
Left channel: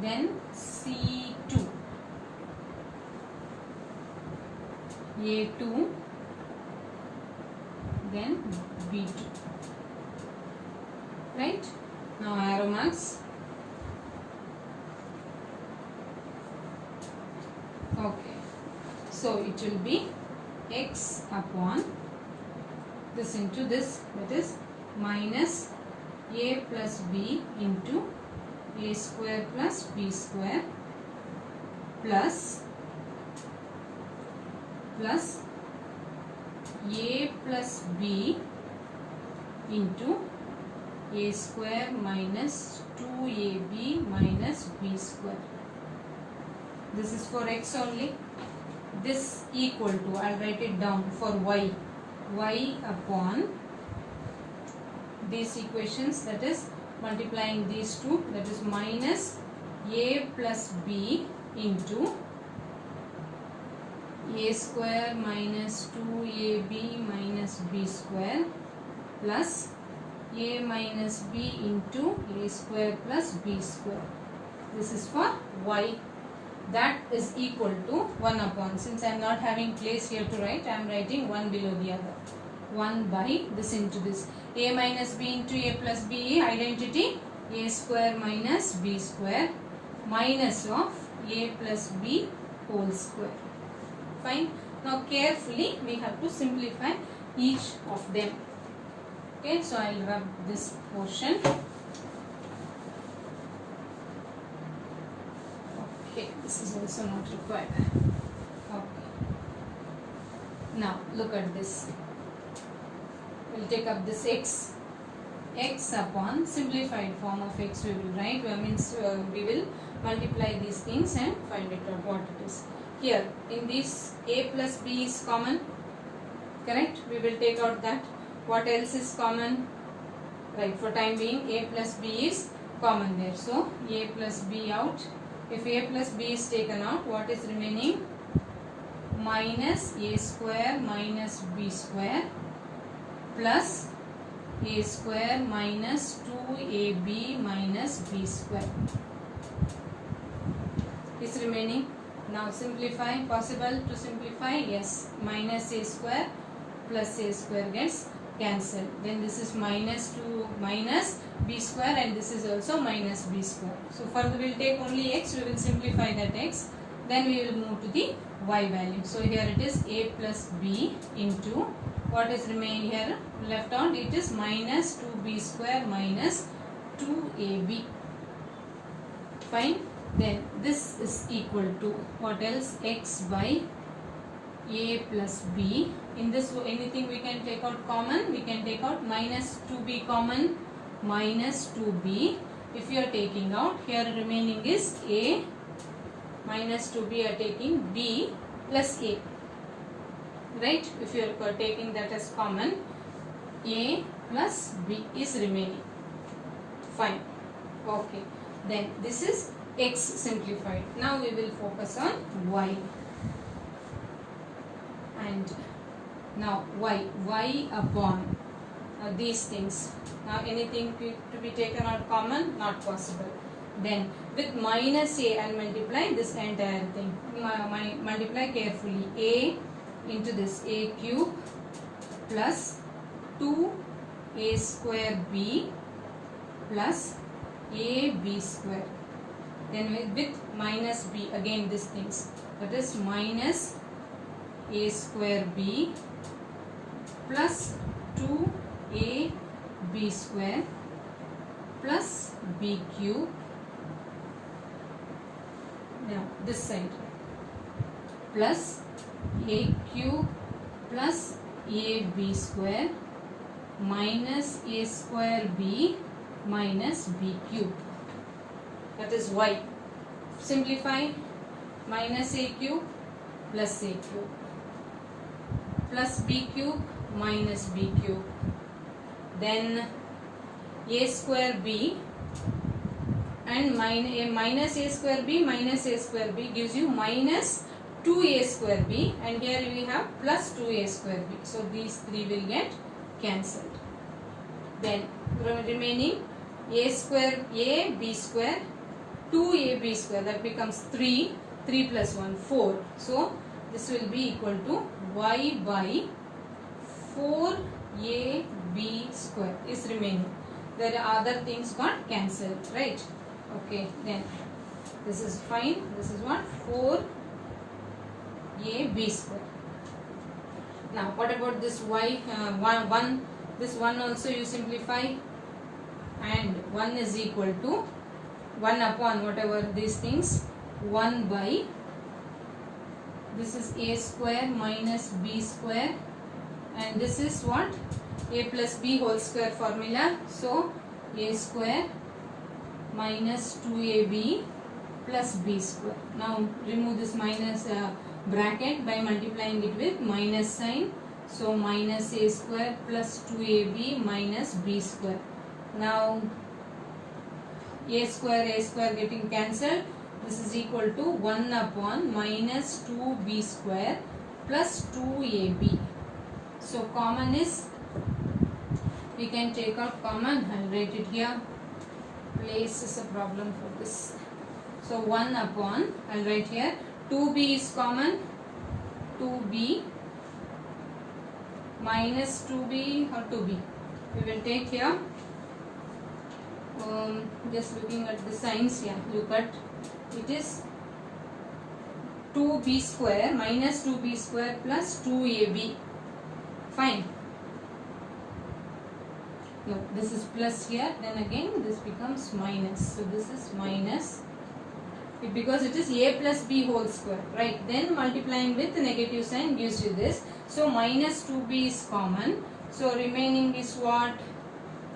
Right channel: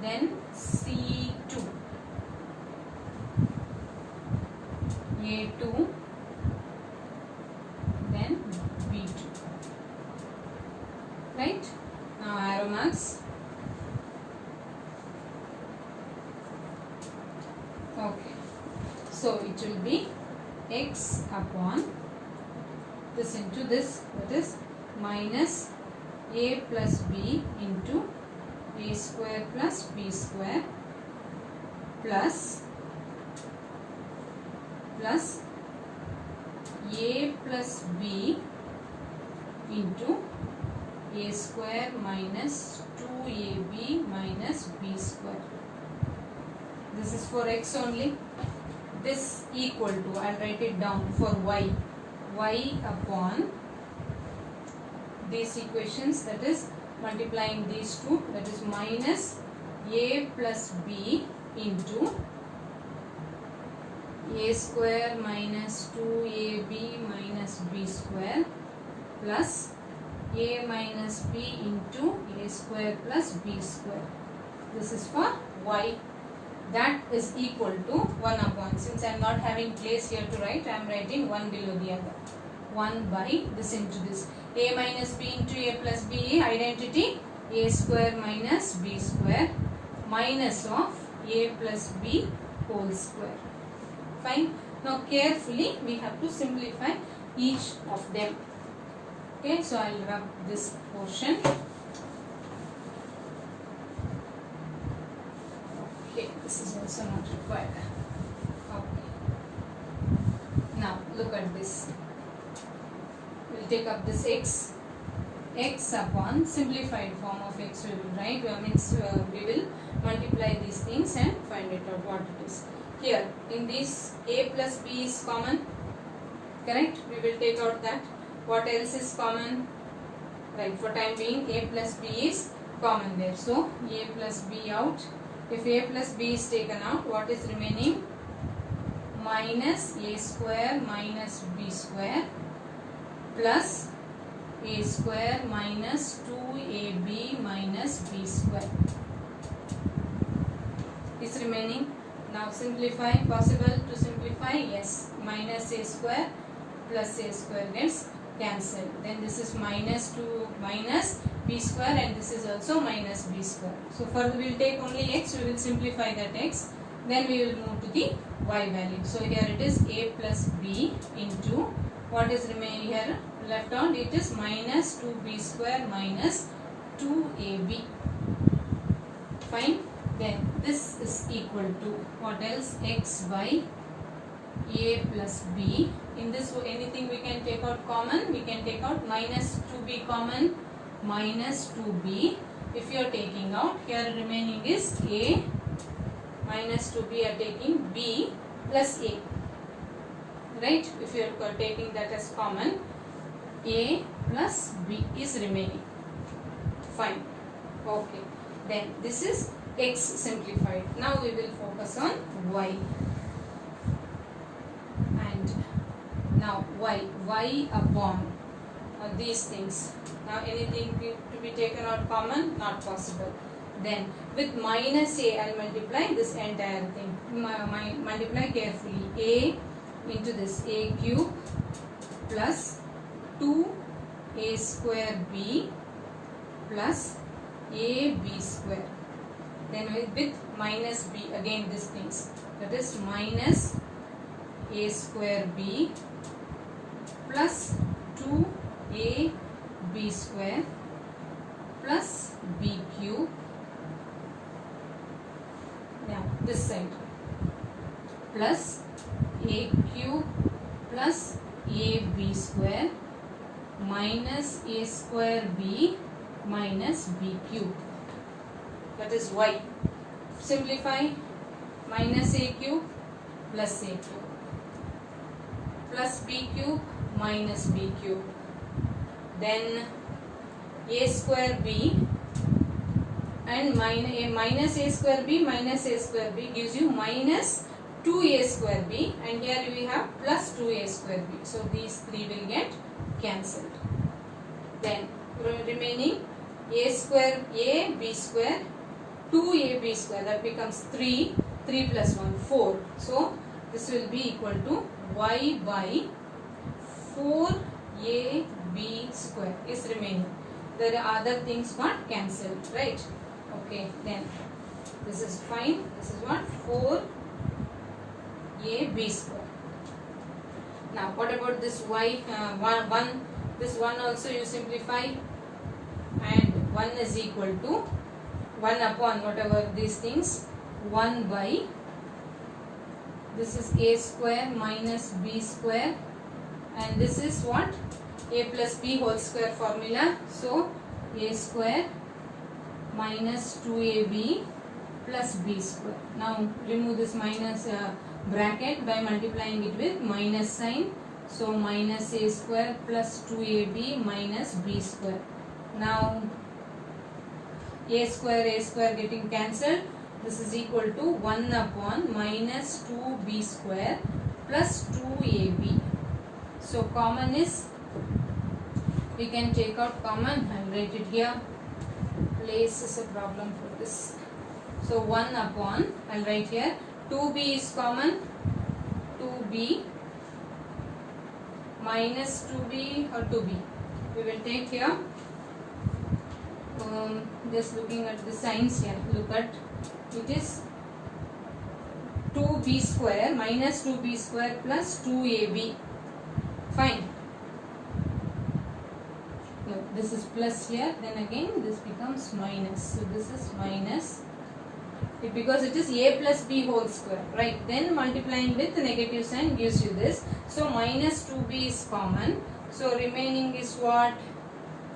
then c2, a2, then b2. Right? Now arrow marks. Okay. So it will be x upon this into this, that is minus a plus b into a square plus b square plus a plus b into a square minus 2ab minus b square. This is for x only. This equal to, I'll write it down for y. Y upon these equations, that is multiplying these two, that is minus a plus b into a square minus 2ab minus b square plus a minus b into a square plus b square. This is for y. That is equal to 1 upon, since I am not having place here to write, I am writing one below the other. 1 by this into this. A minus b into a plus b, identity a square minus b square minus of a plus b whole square. Fine. Now carefully we have to simplify each of them. Okay, so I will rub this portion. Okay, this is also not required. Okay. Now look at this. We will take up this x upon simplified form of x we will write. We will multiply these things and find it out what it is. Here in this a plus b is common, correct? We will take out that. What else is common? Right, for time being a plus b is common there. So a plus b out. If a plus b is taken out, what is remaining? Minus a square minus b square plus a square minus 2ab minus b square is remaining. Now simplify. Possible to simplify? Yes. Minus a square plus a square gets cancelled. Then this is minus 2 minus b square, and this is also minus b square. So further we will take only x. We will simplify that x. Then we will move to the y value. So here it is a plus b into what is remaining here left on. It is minus 2b square minus 2ab. Fine. Then this is equal to what else? X by a plus b. In this, anything we can take out common. We can take out minus 2b common, minus 2b. If you are taking out, here remaining is a minus 2b are taking b plus a. Right? If you are taking that as common, a plus b is remaining. Fine. Okay. Then this is x simplified. Now we will focus on y. And now y upon these things. Now anything to be taken out common? Not possible. Then with minus a, I will multiply this entire thing. Multiply carefully. A into this a cube plus 2a square b plus ab square. Then with minus b, again these things. That is minus a square b plus 2ab square plus b cube. Now this side plus a cube plus ab square minus a square b minus b cube. That is y. Simplify. Minus a cube plus a cube plus b cube minus b cube. Then a square b and minus a square b gives you minus 2a square b, and here we have plus 2a square b. So these three will get cancelled. Then remaining a square a b square 2ab square, that becomes 3 plus 1 4. So this will be equal to y by 4ab square is remaining. There are other things got cancelled, right? Okay, then this is fine. This is what? 4ab square. Now what about this y? This one also you simplify, and 1 is equal to 1 upon whatever these things, 1 by, this is a square minus b square, and this is what? A plus b whole square formula. So a square minus 2ab plus b square. Now remove this minus bracket by multiplying it with minus sign. So minus a square plus 2ab minus b square. Now a square getting cancelled. This is equal to 1 upon minus 2b square plus 2ab. So common is, we can take out common. I will write it here. Place is a problem for this. So 1 upon, I will write here, 2b is common, 2b minus 2b or 2b. We will take here. Just looking at the signs here, look at it is 2b square minus 2b square plus 2ab. Fine. No, this is plus here, then again this becomes minus. So this is minus, because it is a plus b whole square, right? Then multiplying with the negative sign gives you this. So minus 2b is common. So remaining is what?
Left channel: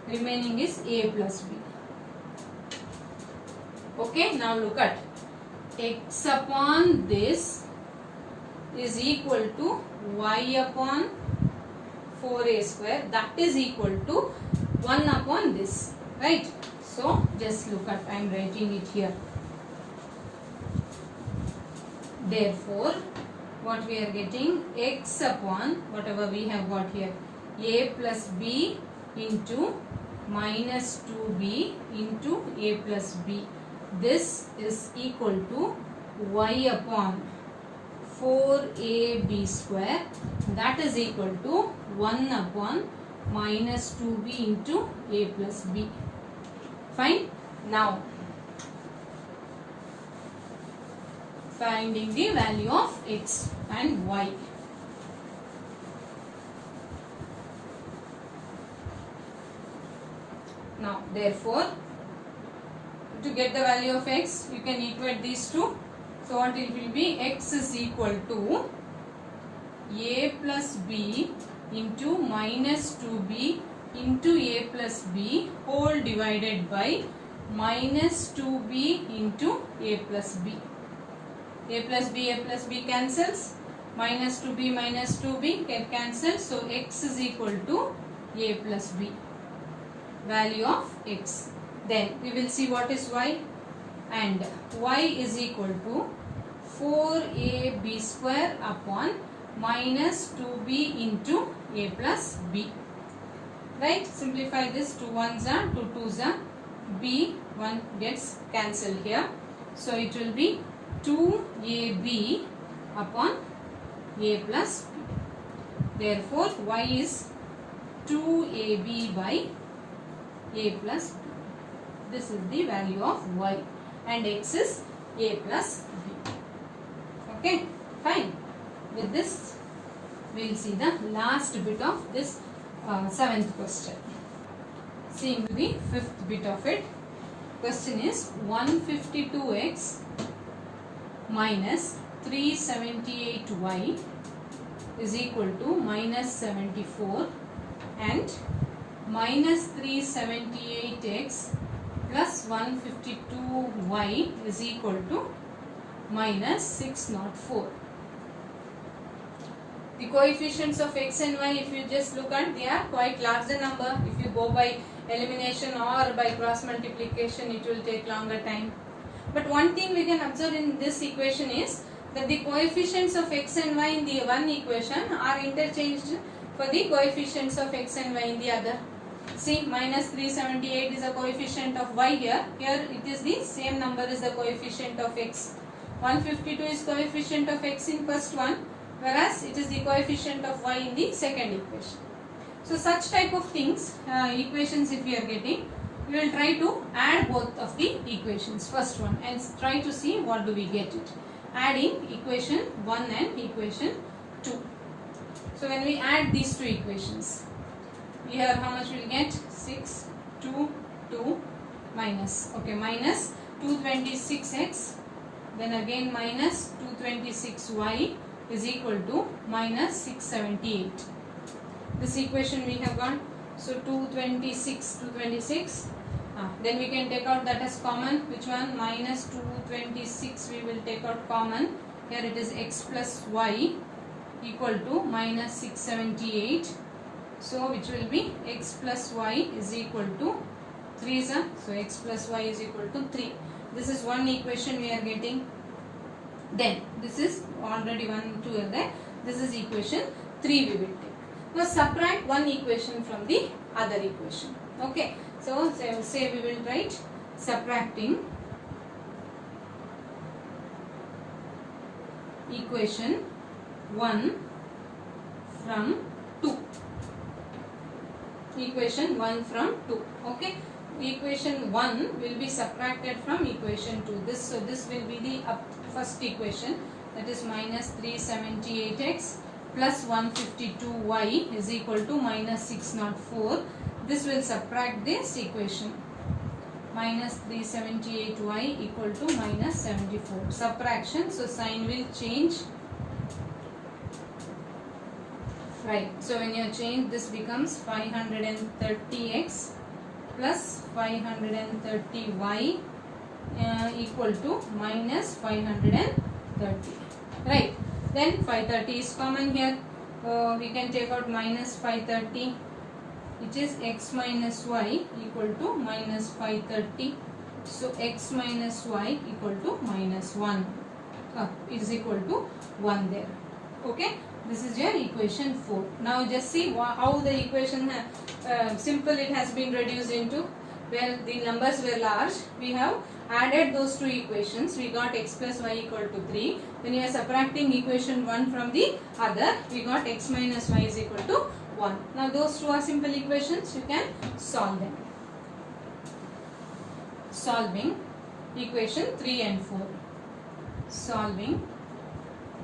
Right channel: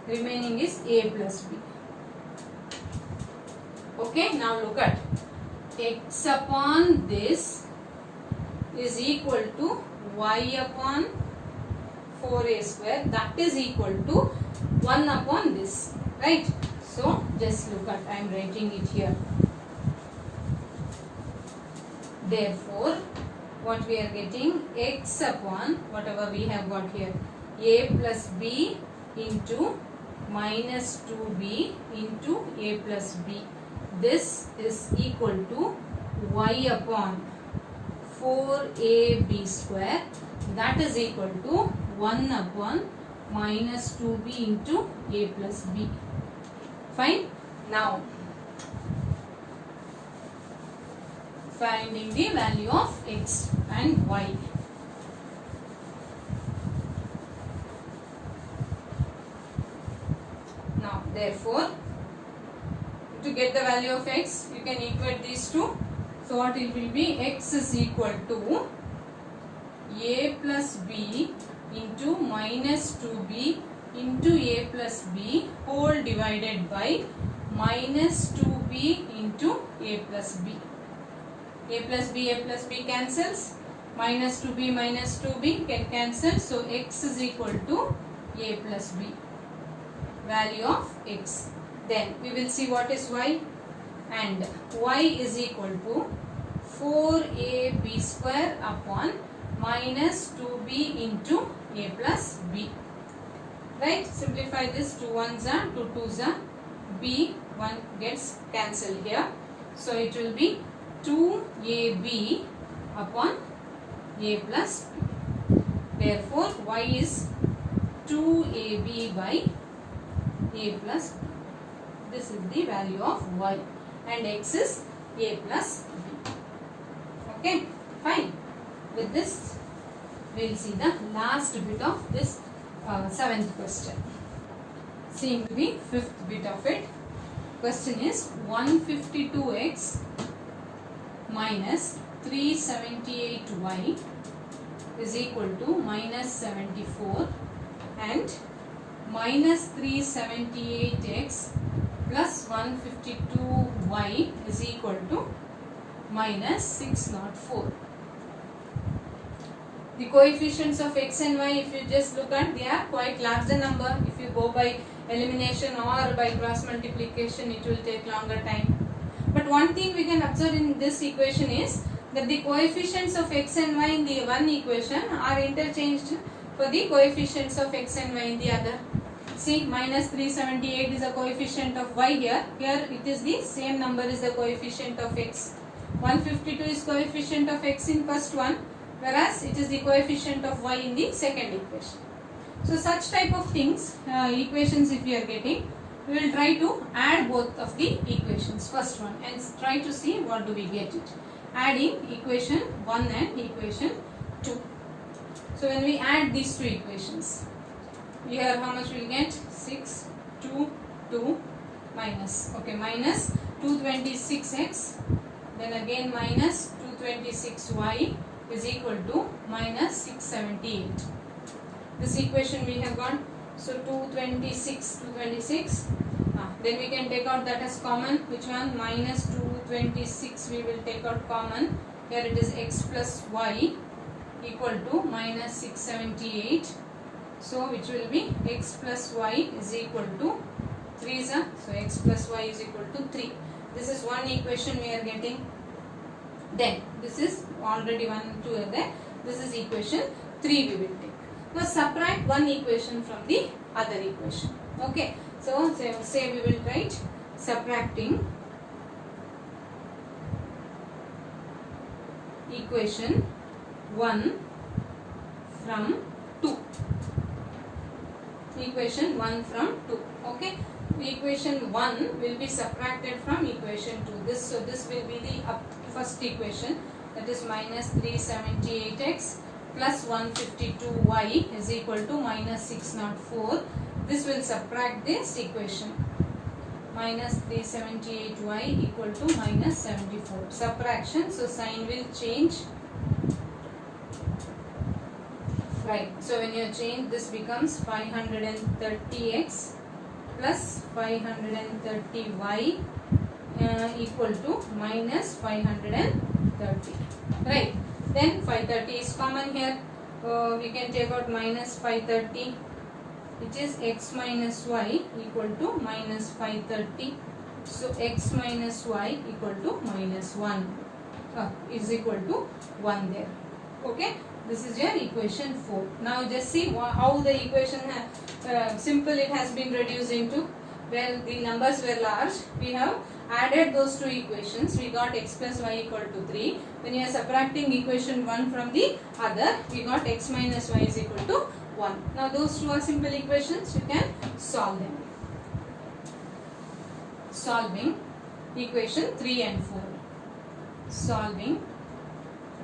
Remaining is a plus b. Okay, now look at x upon this is equal to y upon 4a square, that is equal to 1 upon this, right? So just look at, I am writing it here. Therefore what we are getting, x upon whatever we have got here, a plus b into minus 2b into a plus b. This is equal to y upon 4ab square, that is equal to 1 upon minus 2b into a plus b. Fine. Now finding the value of x and y. Now therefore, to get the value of x, you can equate these two. So what it will be? X is equal to a plus b into minus 2b into a plus b whole divided by minus 2b into a plus b. A plus b cancels, minus 2b can cancel, so x is equal to a plus b, value of x. Then we will see what is y, and y is equal to 4ab square upon minus 2b into a plus b. Right, simplify this, 2 1s are, 2 2s are, b 1 gets cancelled here, so it will be 2ab upon a plus b. Therefore y is 2ab by a plus b. This is the value of y, and x is a plus b. Okay, fine. With this we will see the last bit of this 7th question. Seeing the 5th bit of it. Question is 152x minus 378y is equal to minus 74, and minus 378x plus 152y is equal to minus 604. The coefficients of x and y, if you just look at, they are quite larger number. If you go by elimination or by cross multiplication, it will take longer time. But one thing we can observe in this equation is that the coefficients of x and y in the one equation are interchanged for the coefficients of x and y in the other. See, minus 378 is a coefficient of y here. Here it is the same number is the coefficient of x. 152 is coefficient of x in first one, whereas it is the coefficient of y in the second equation. So such type of things, equations if we are getting, we will try to add both of the equations, first one, and try to see what do we get it. Adding equation 1 and equation 2. So when we add these two equations, here how much we will get? 6, 2, 2, minus, okay, minus 226x, then again minus 226y is equal to minus 678. This equation we have got, so 226, then we can take out that as common. Which one? Minus 226 we will take out common. Here it is x plus y equal to minus 678. So which will be x plus y is equal to 3, so x plus y is equal to 3. This is one equation we are getting. Then this is already 1, 2 are there. This is equation 3 we will take. Now subtract one equation from the other equation. Okay. So say we will write subtracting equation 1 from 2. Equation 1 from 2. Okay. Equation 1 will be subtracted from equation 2. So this will be the first equation, that is minus 378x plus 152y is equal to minus 604. This will subtract this equation. Minus 378y equal to minus 74. Subtraction, so sign will change. Right. So when you change, this becomes 530x plus 530y equal to minus 530. Right. Then 530 is common here. We can take out minus 530, which is x minus y equal to minus 530. So x minus y equal to minus 1 is equal to 1 there. Okay. This is your equation 4. Now just see how the equation simple it has been reduced into. Where the numbers were large, we have added those two equations. We got x plus y equal to 3. When you are subtracting equation 1 from the other, we got x minus y is equal to 1. Now those two are simple equations. You can solve them. Solving equation 3 and 4. Solving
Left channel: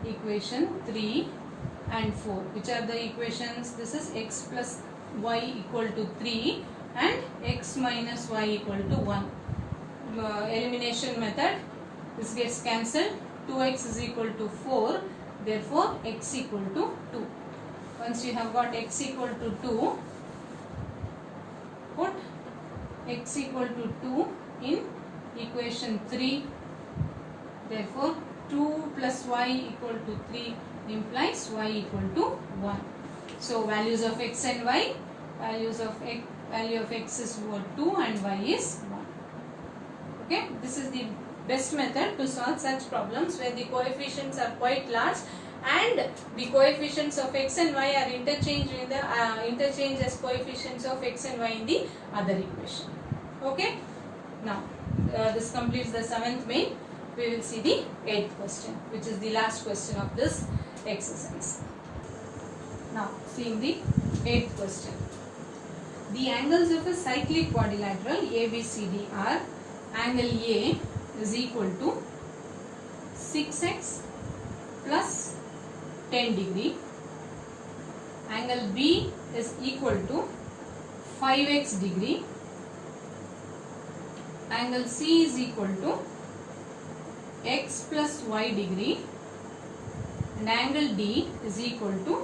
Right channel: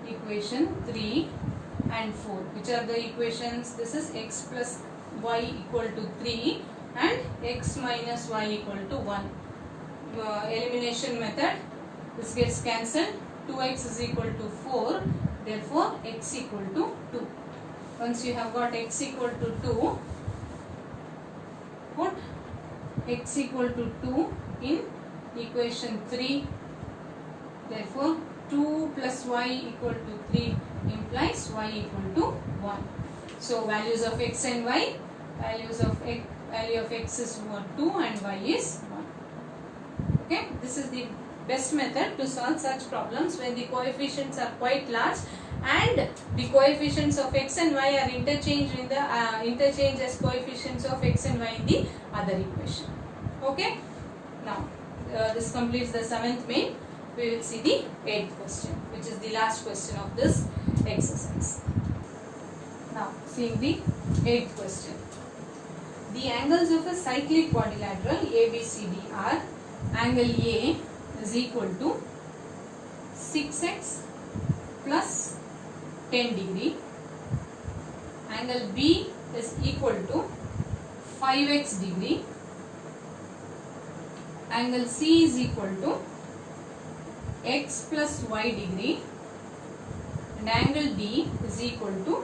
equation 3 and 4. Which are the equations? This is x plus y equal to 3 and x minus y equal to 1. Elimination method. This gets cancelled. 2x is equal to 4. Therefore, x equal to 2. Once you have got x equal to 2, put x equal to 2 in equation 3. Therefore, 2 plus y equal to 3 implies y equal to 1. So, values of x and y, value of x is 2 and y is 1. Okay, this is the best method to solve such problems when the coefficients are quite large and the coefficients of x and y are interchanged in the interchanged as coefficients of x and y in the other equation. Okay, now this completes the 7th main. We will see the 8th question, which is the last question of this exercise. Now, seeing the 8th question. The angles of a cyclic quadrilateral ABCD are: angle A is equal to 6x plus 10 degree. Angle B is equal to 5x degree. Angle C is equal to x plus y degree. And angle D is equal to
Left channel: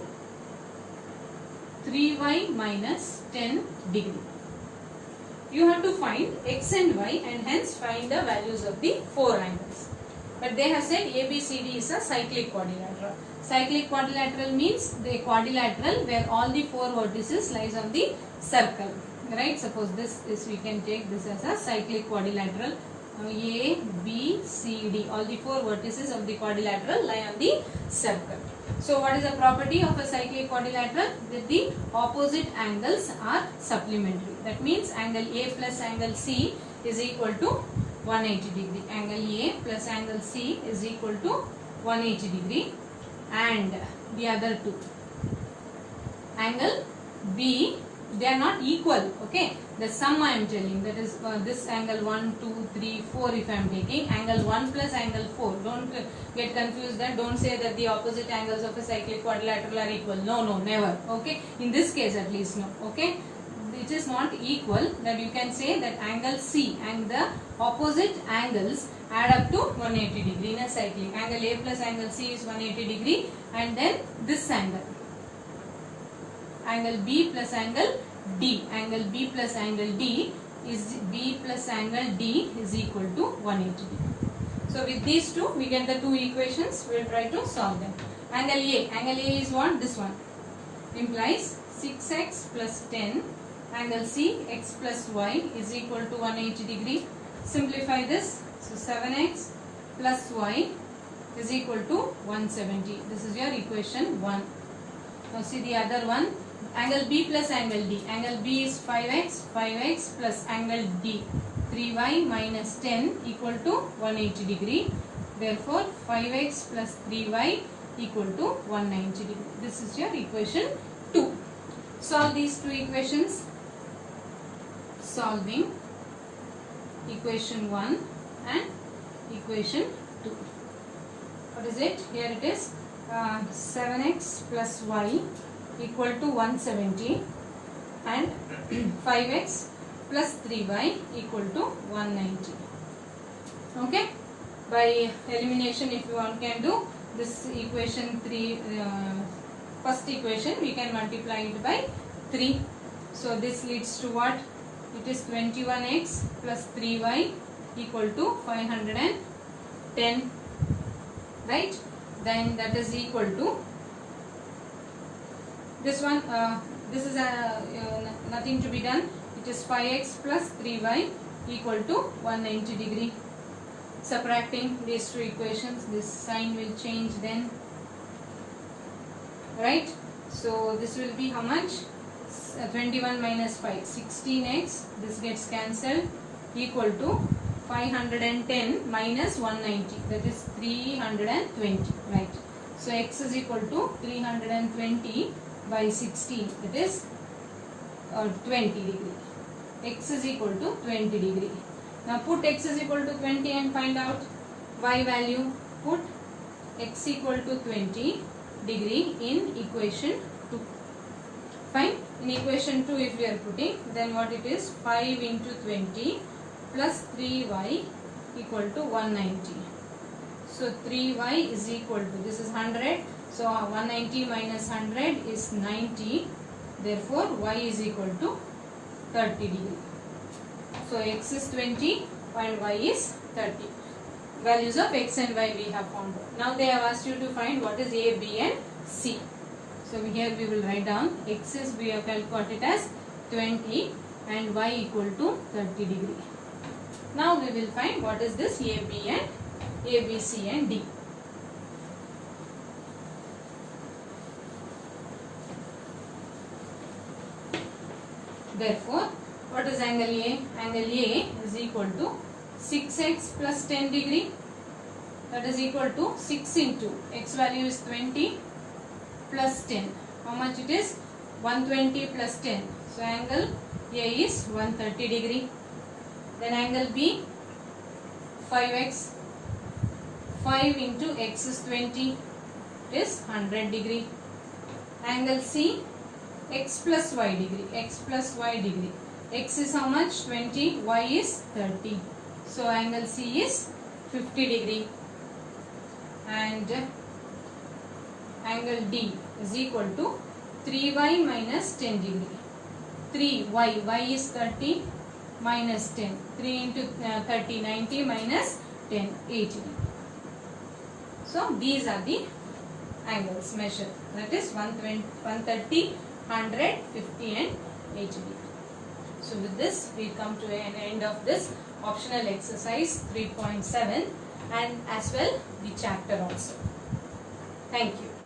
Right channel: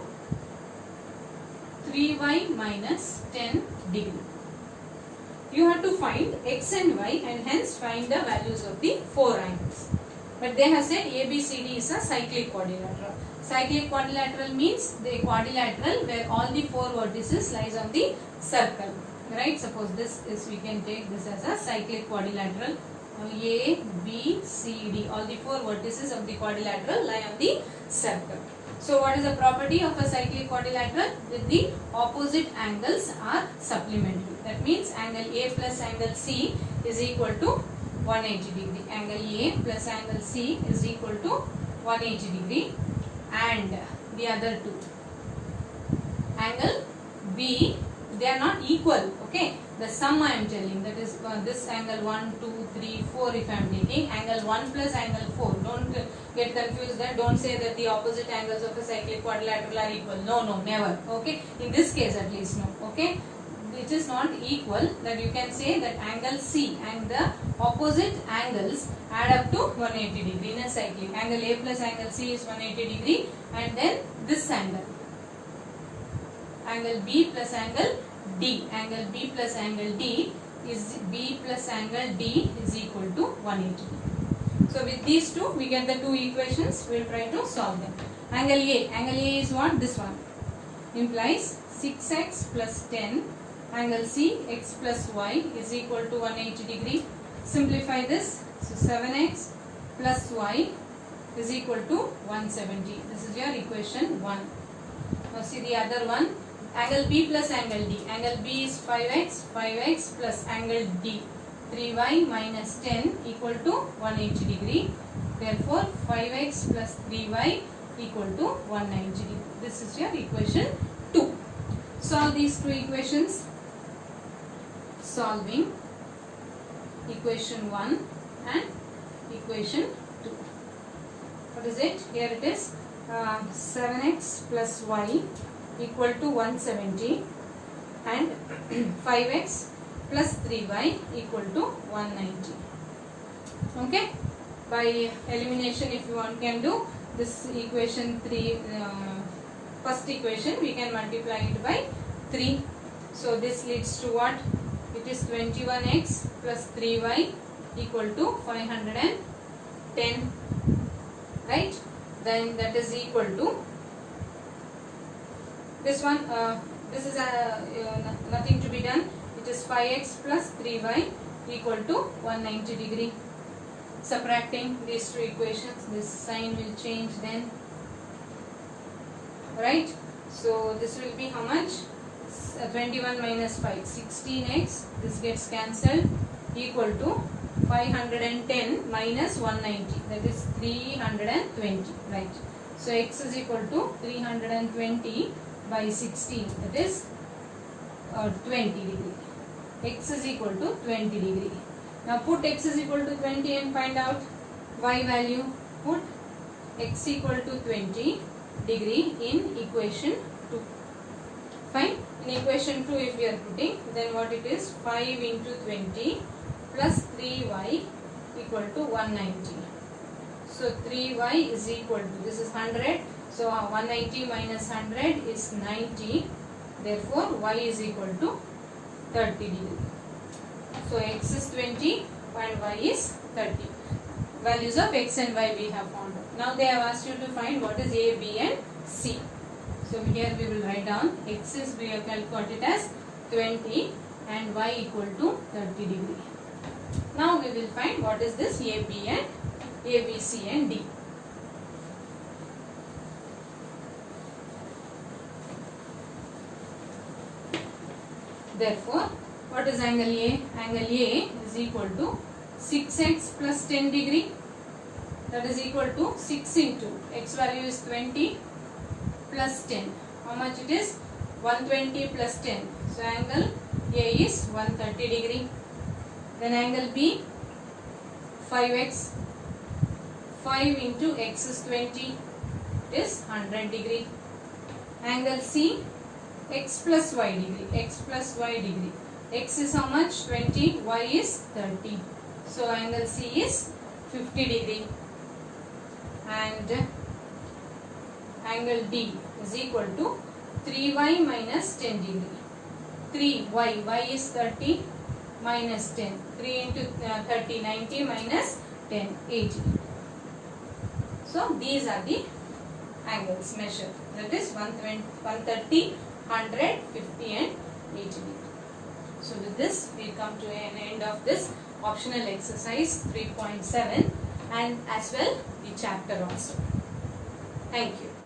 3y minus 10 degree. You have to find x and y and hence find the values of the 4 angles. But they have said ABCD is a cyclic quadrilateral. Cyclic quadrilateral means the quadrilateral where all the 4 vertices lies on the circle. Right? Suppose this is, we can take this as a cyclic quadrilateral. A, B, C, D. All the 4 vertices of the quadrilateral lie on the circle. So what is the property of a cyclic quadrilateral? That the opposite angles are supplementary. That means angle A plus angle C is equal to 180 degree. Angle A plus angle C is equal to 180 degree. And the other two. Angle B, they are not equal. Okay. The sum I am telling, that is this angle 1, 2, 3, 4 if I am taking. Angle 1 plus angle 4. Don't get confused there. Don't say that the opposite angles of a cyclic quadrilateral are equal. No, no, never. Okay. In this case at least no. Okay. It is not equal, that you can say that angle C and the opposite angles add up to 180 degree in a cyclic. Angle A plus angle C is 180 degree and then this angle. Angle B plus angle D. Angle B plus angle D is equal to 180 degree. So with these two we get the two equations. We will try to solve them. Angle A is what? This one. Implies 6x plus 10. Angle C, x plus y is equal to 180 degree. Simplify this. So 7x plus y is equal to 170. This is your equation 1. Now see the other one. Angle B plus angle D. Angle B is 5x plus angle D. 3y minus 10 equal to 180 degree. Therefore 5x plus 3y equal to 190 degree. This is your equation 2. Solve these two equations. Solving equation 1 and equation 2. What is it? Here it is 7x plus y equal to 170 and 5x plus 3y equal to 190. Okay. By elimination, if you want, can do this equation 3, first equation we can multiply it by 3. So this leads to what? It is 21x plus 3y equal to 510. Right? Then that is equal to this one. This is nothing to be done. It is 5x plus 3y equal to 190 degree. Subtracting these two equations, this sign will change then. right? So this will be how much? 21 minus 5, 16x. This gets cancelled, equal to 510 minus 190, that is 320, right? So x is equal to 320 by 16, that is 20 degree. X is equal to 20 degree. Now put x is equal to 20 and find out y value. Put x equal to 20 degree in equation 2. Fine. In equation 2 if we are putting, then what it is? 5 into 20 plus 3y equal to 190. So 3y is equal to, this is 100. So 190 minus 100 is 90. Therefore y is equal to 30 degree. So x is 20 and y is 30. Values of x and y we have found. Now they have asked you to find what is a, b and c. So here we will write down x is, we have got it as 20 and y equal to 30 degree. Now we will find what is this a, b and a, b, c and d. Therefore, what is angle A? Angle A is equal to 6x plus 10 degree. That is equal to 6 into x value is 20 plus 10. How much it is? 120 plus 10. So angle A is 130 degree. Then angle B, 5x. 5 into x is 20, is 100 degree. Angle C, x plus y degree. X plus y degree. X is how much? 20. Y is 30. So angle C is 50 degree. And angle D is equal to 3y minus 10 degree. 3y, y is 30 minus 10. 3 into 30, 90 minus 10, 80. So these are the angles measured. That is 120, 130, 100, 50 and 80 degree. So with this we come to an end of this optional exercise 3.7 and as well the chapter also. Thank you.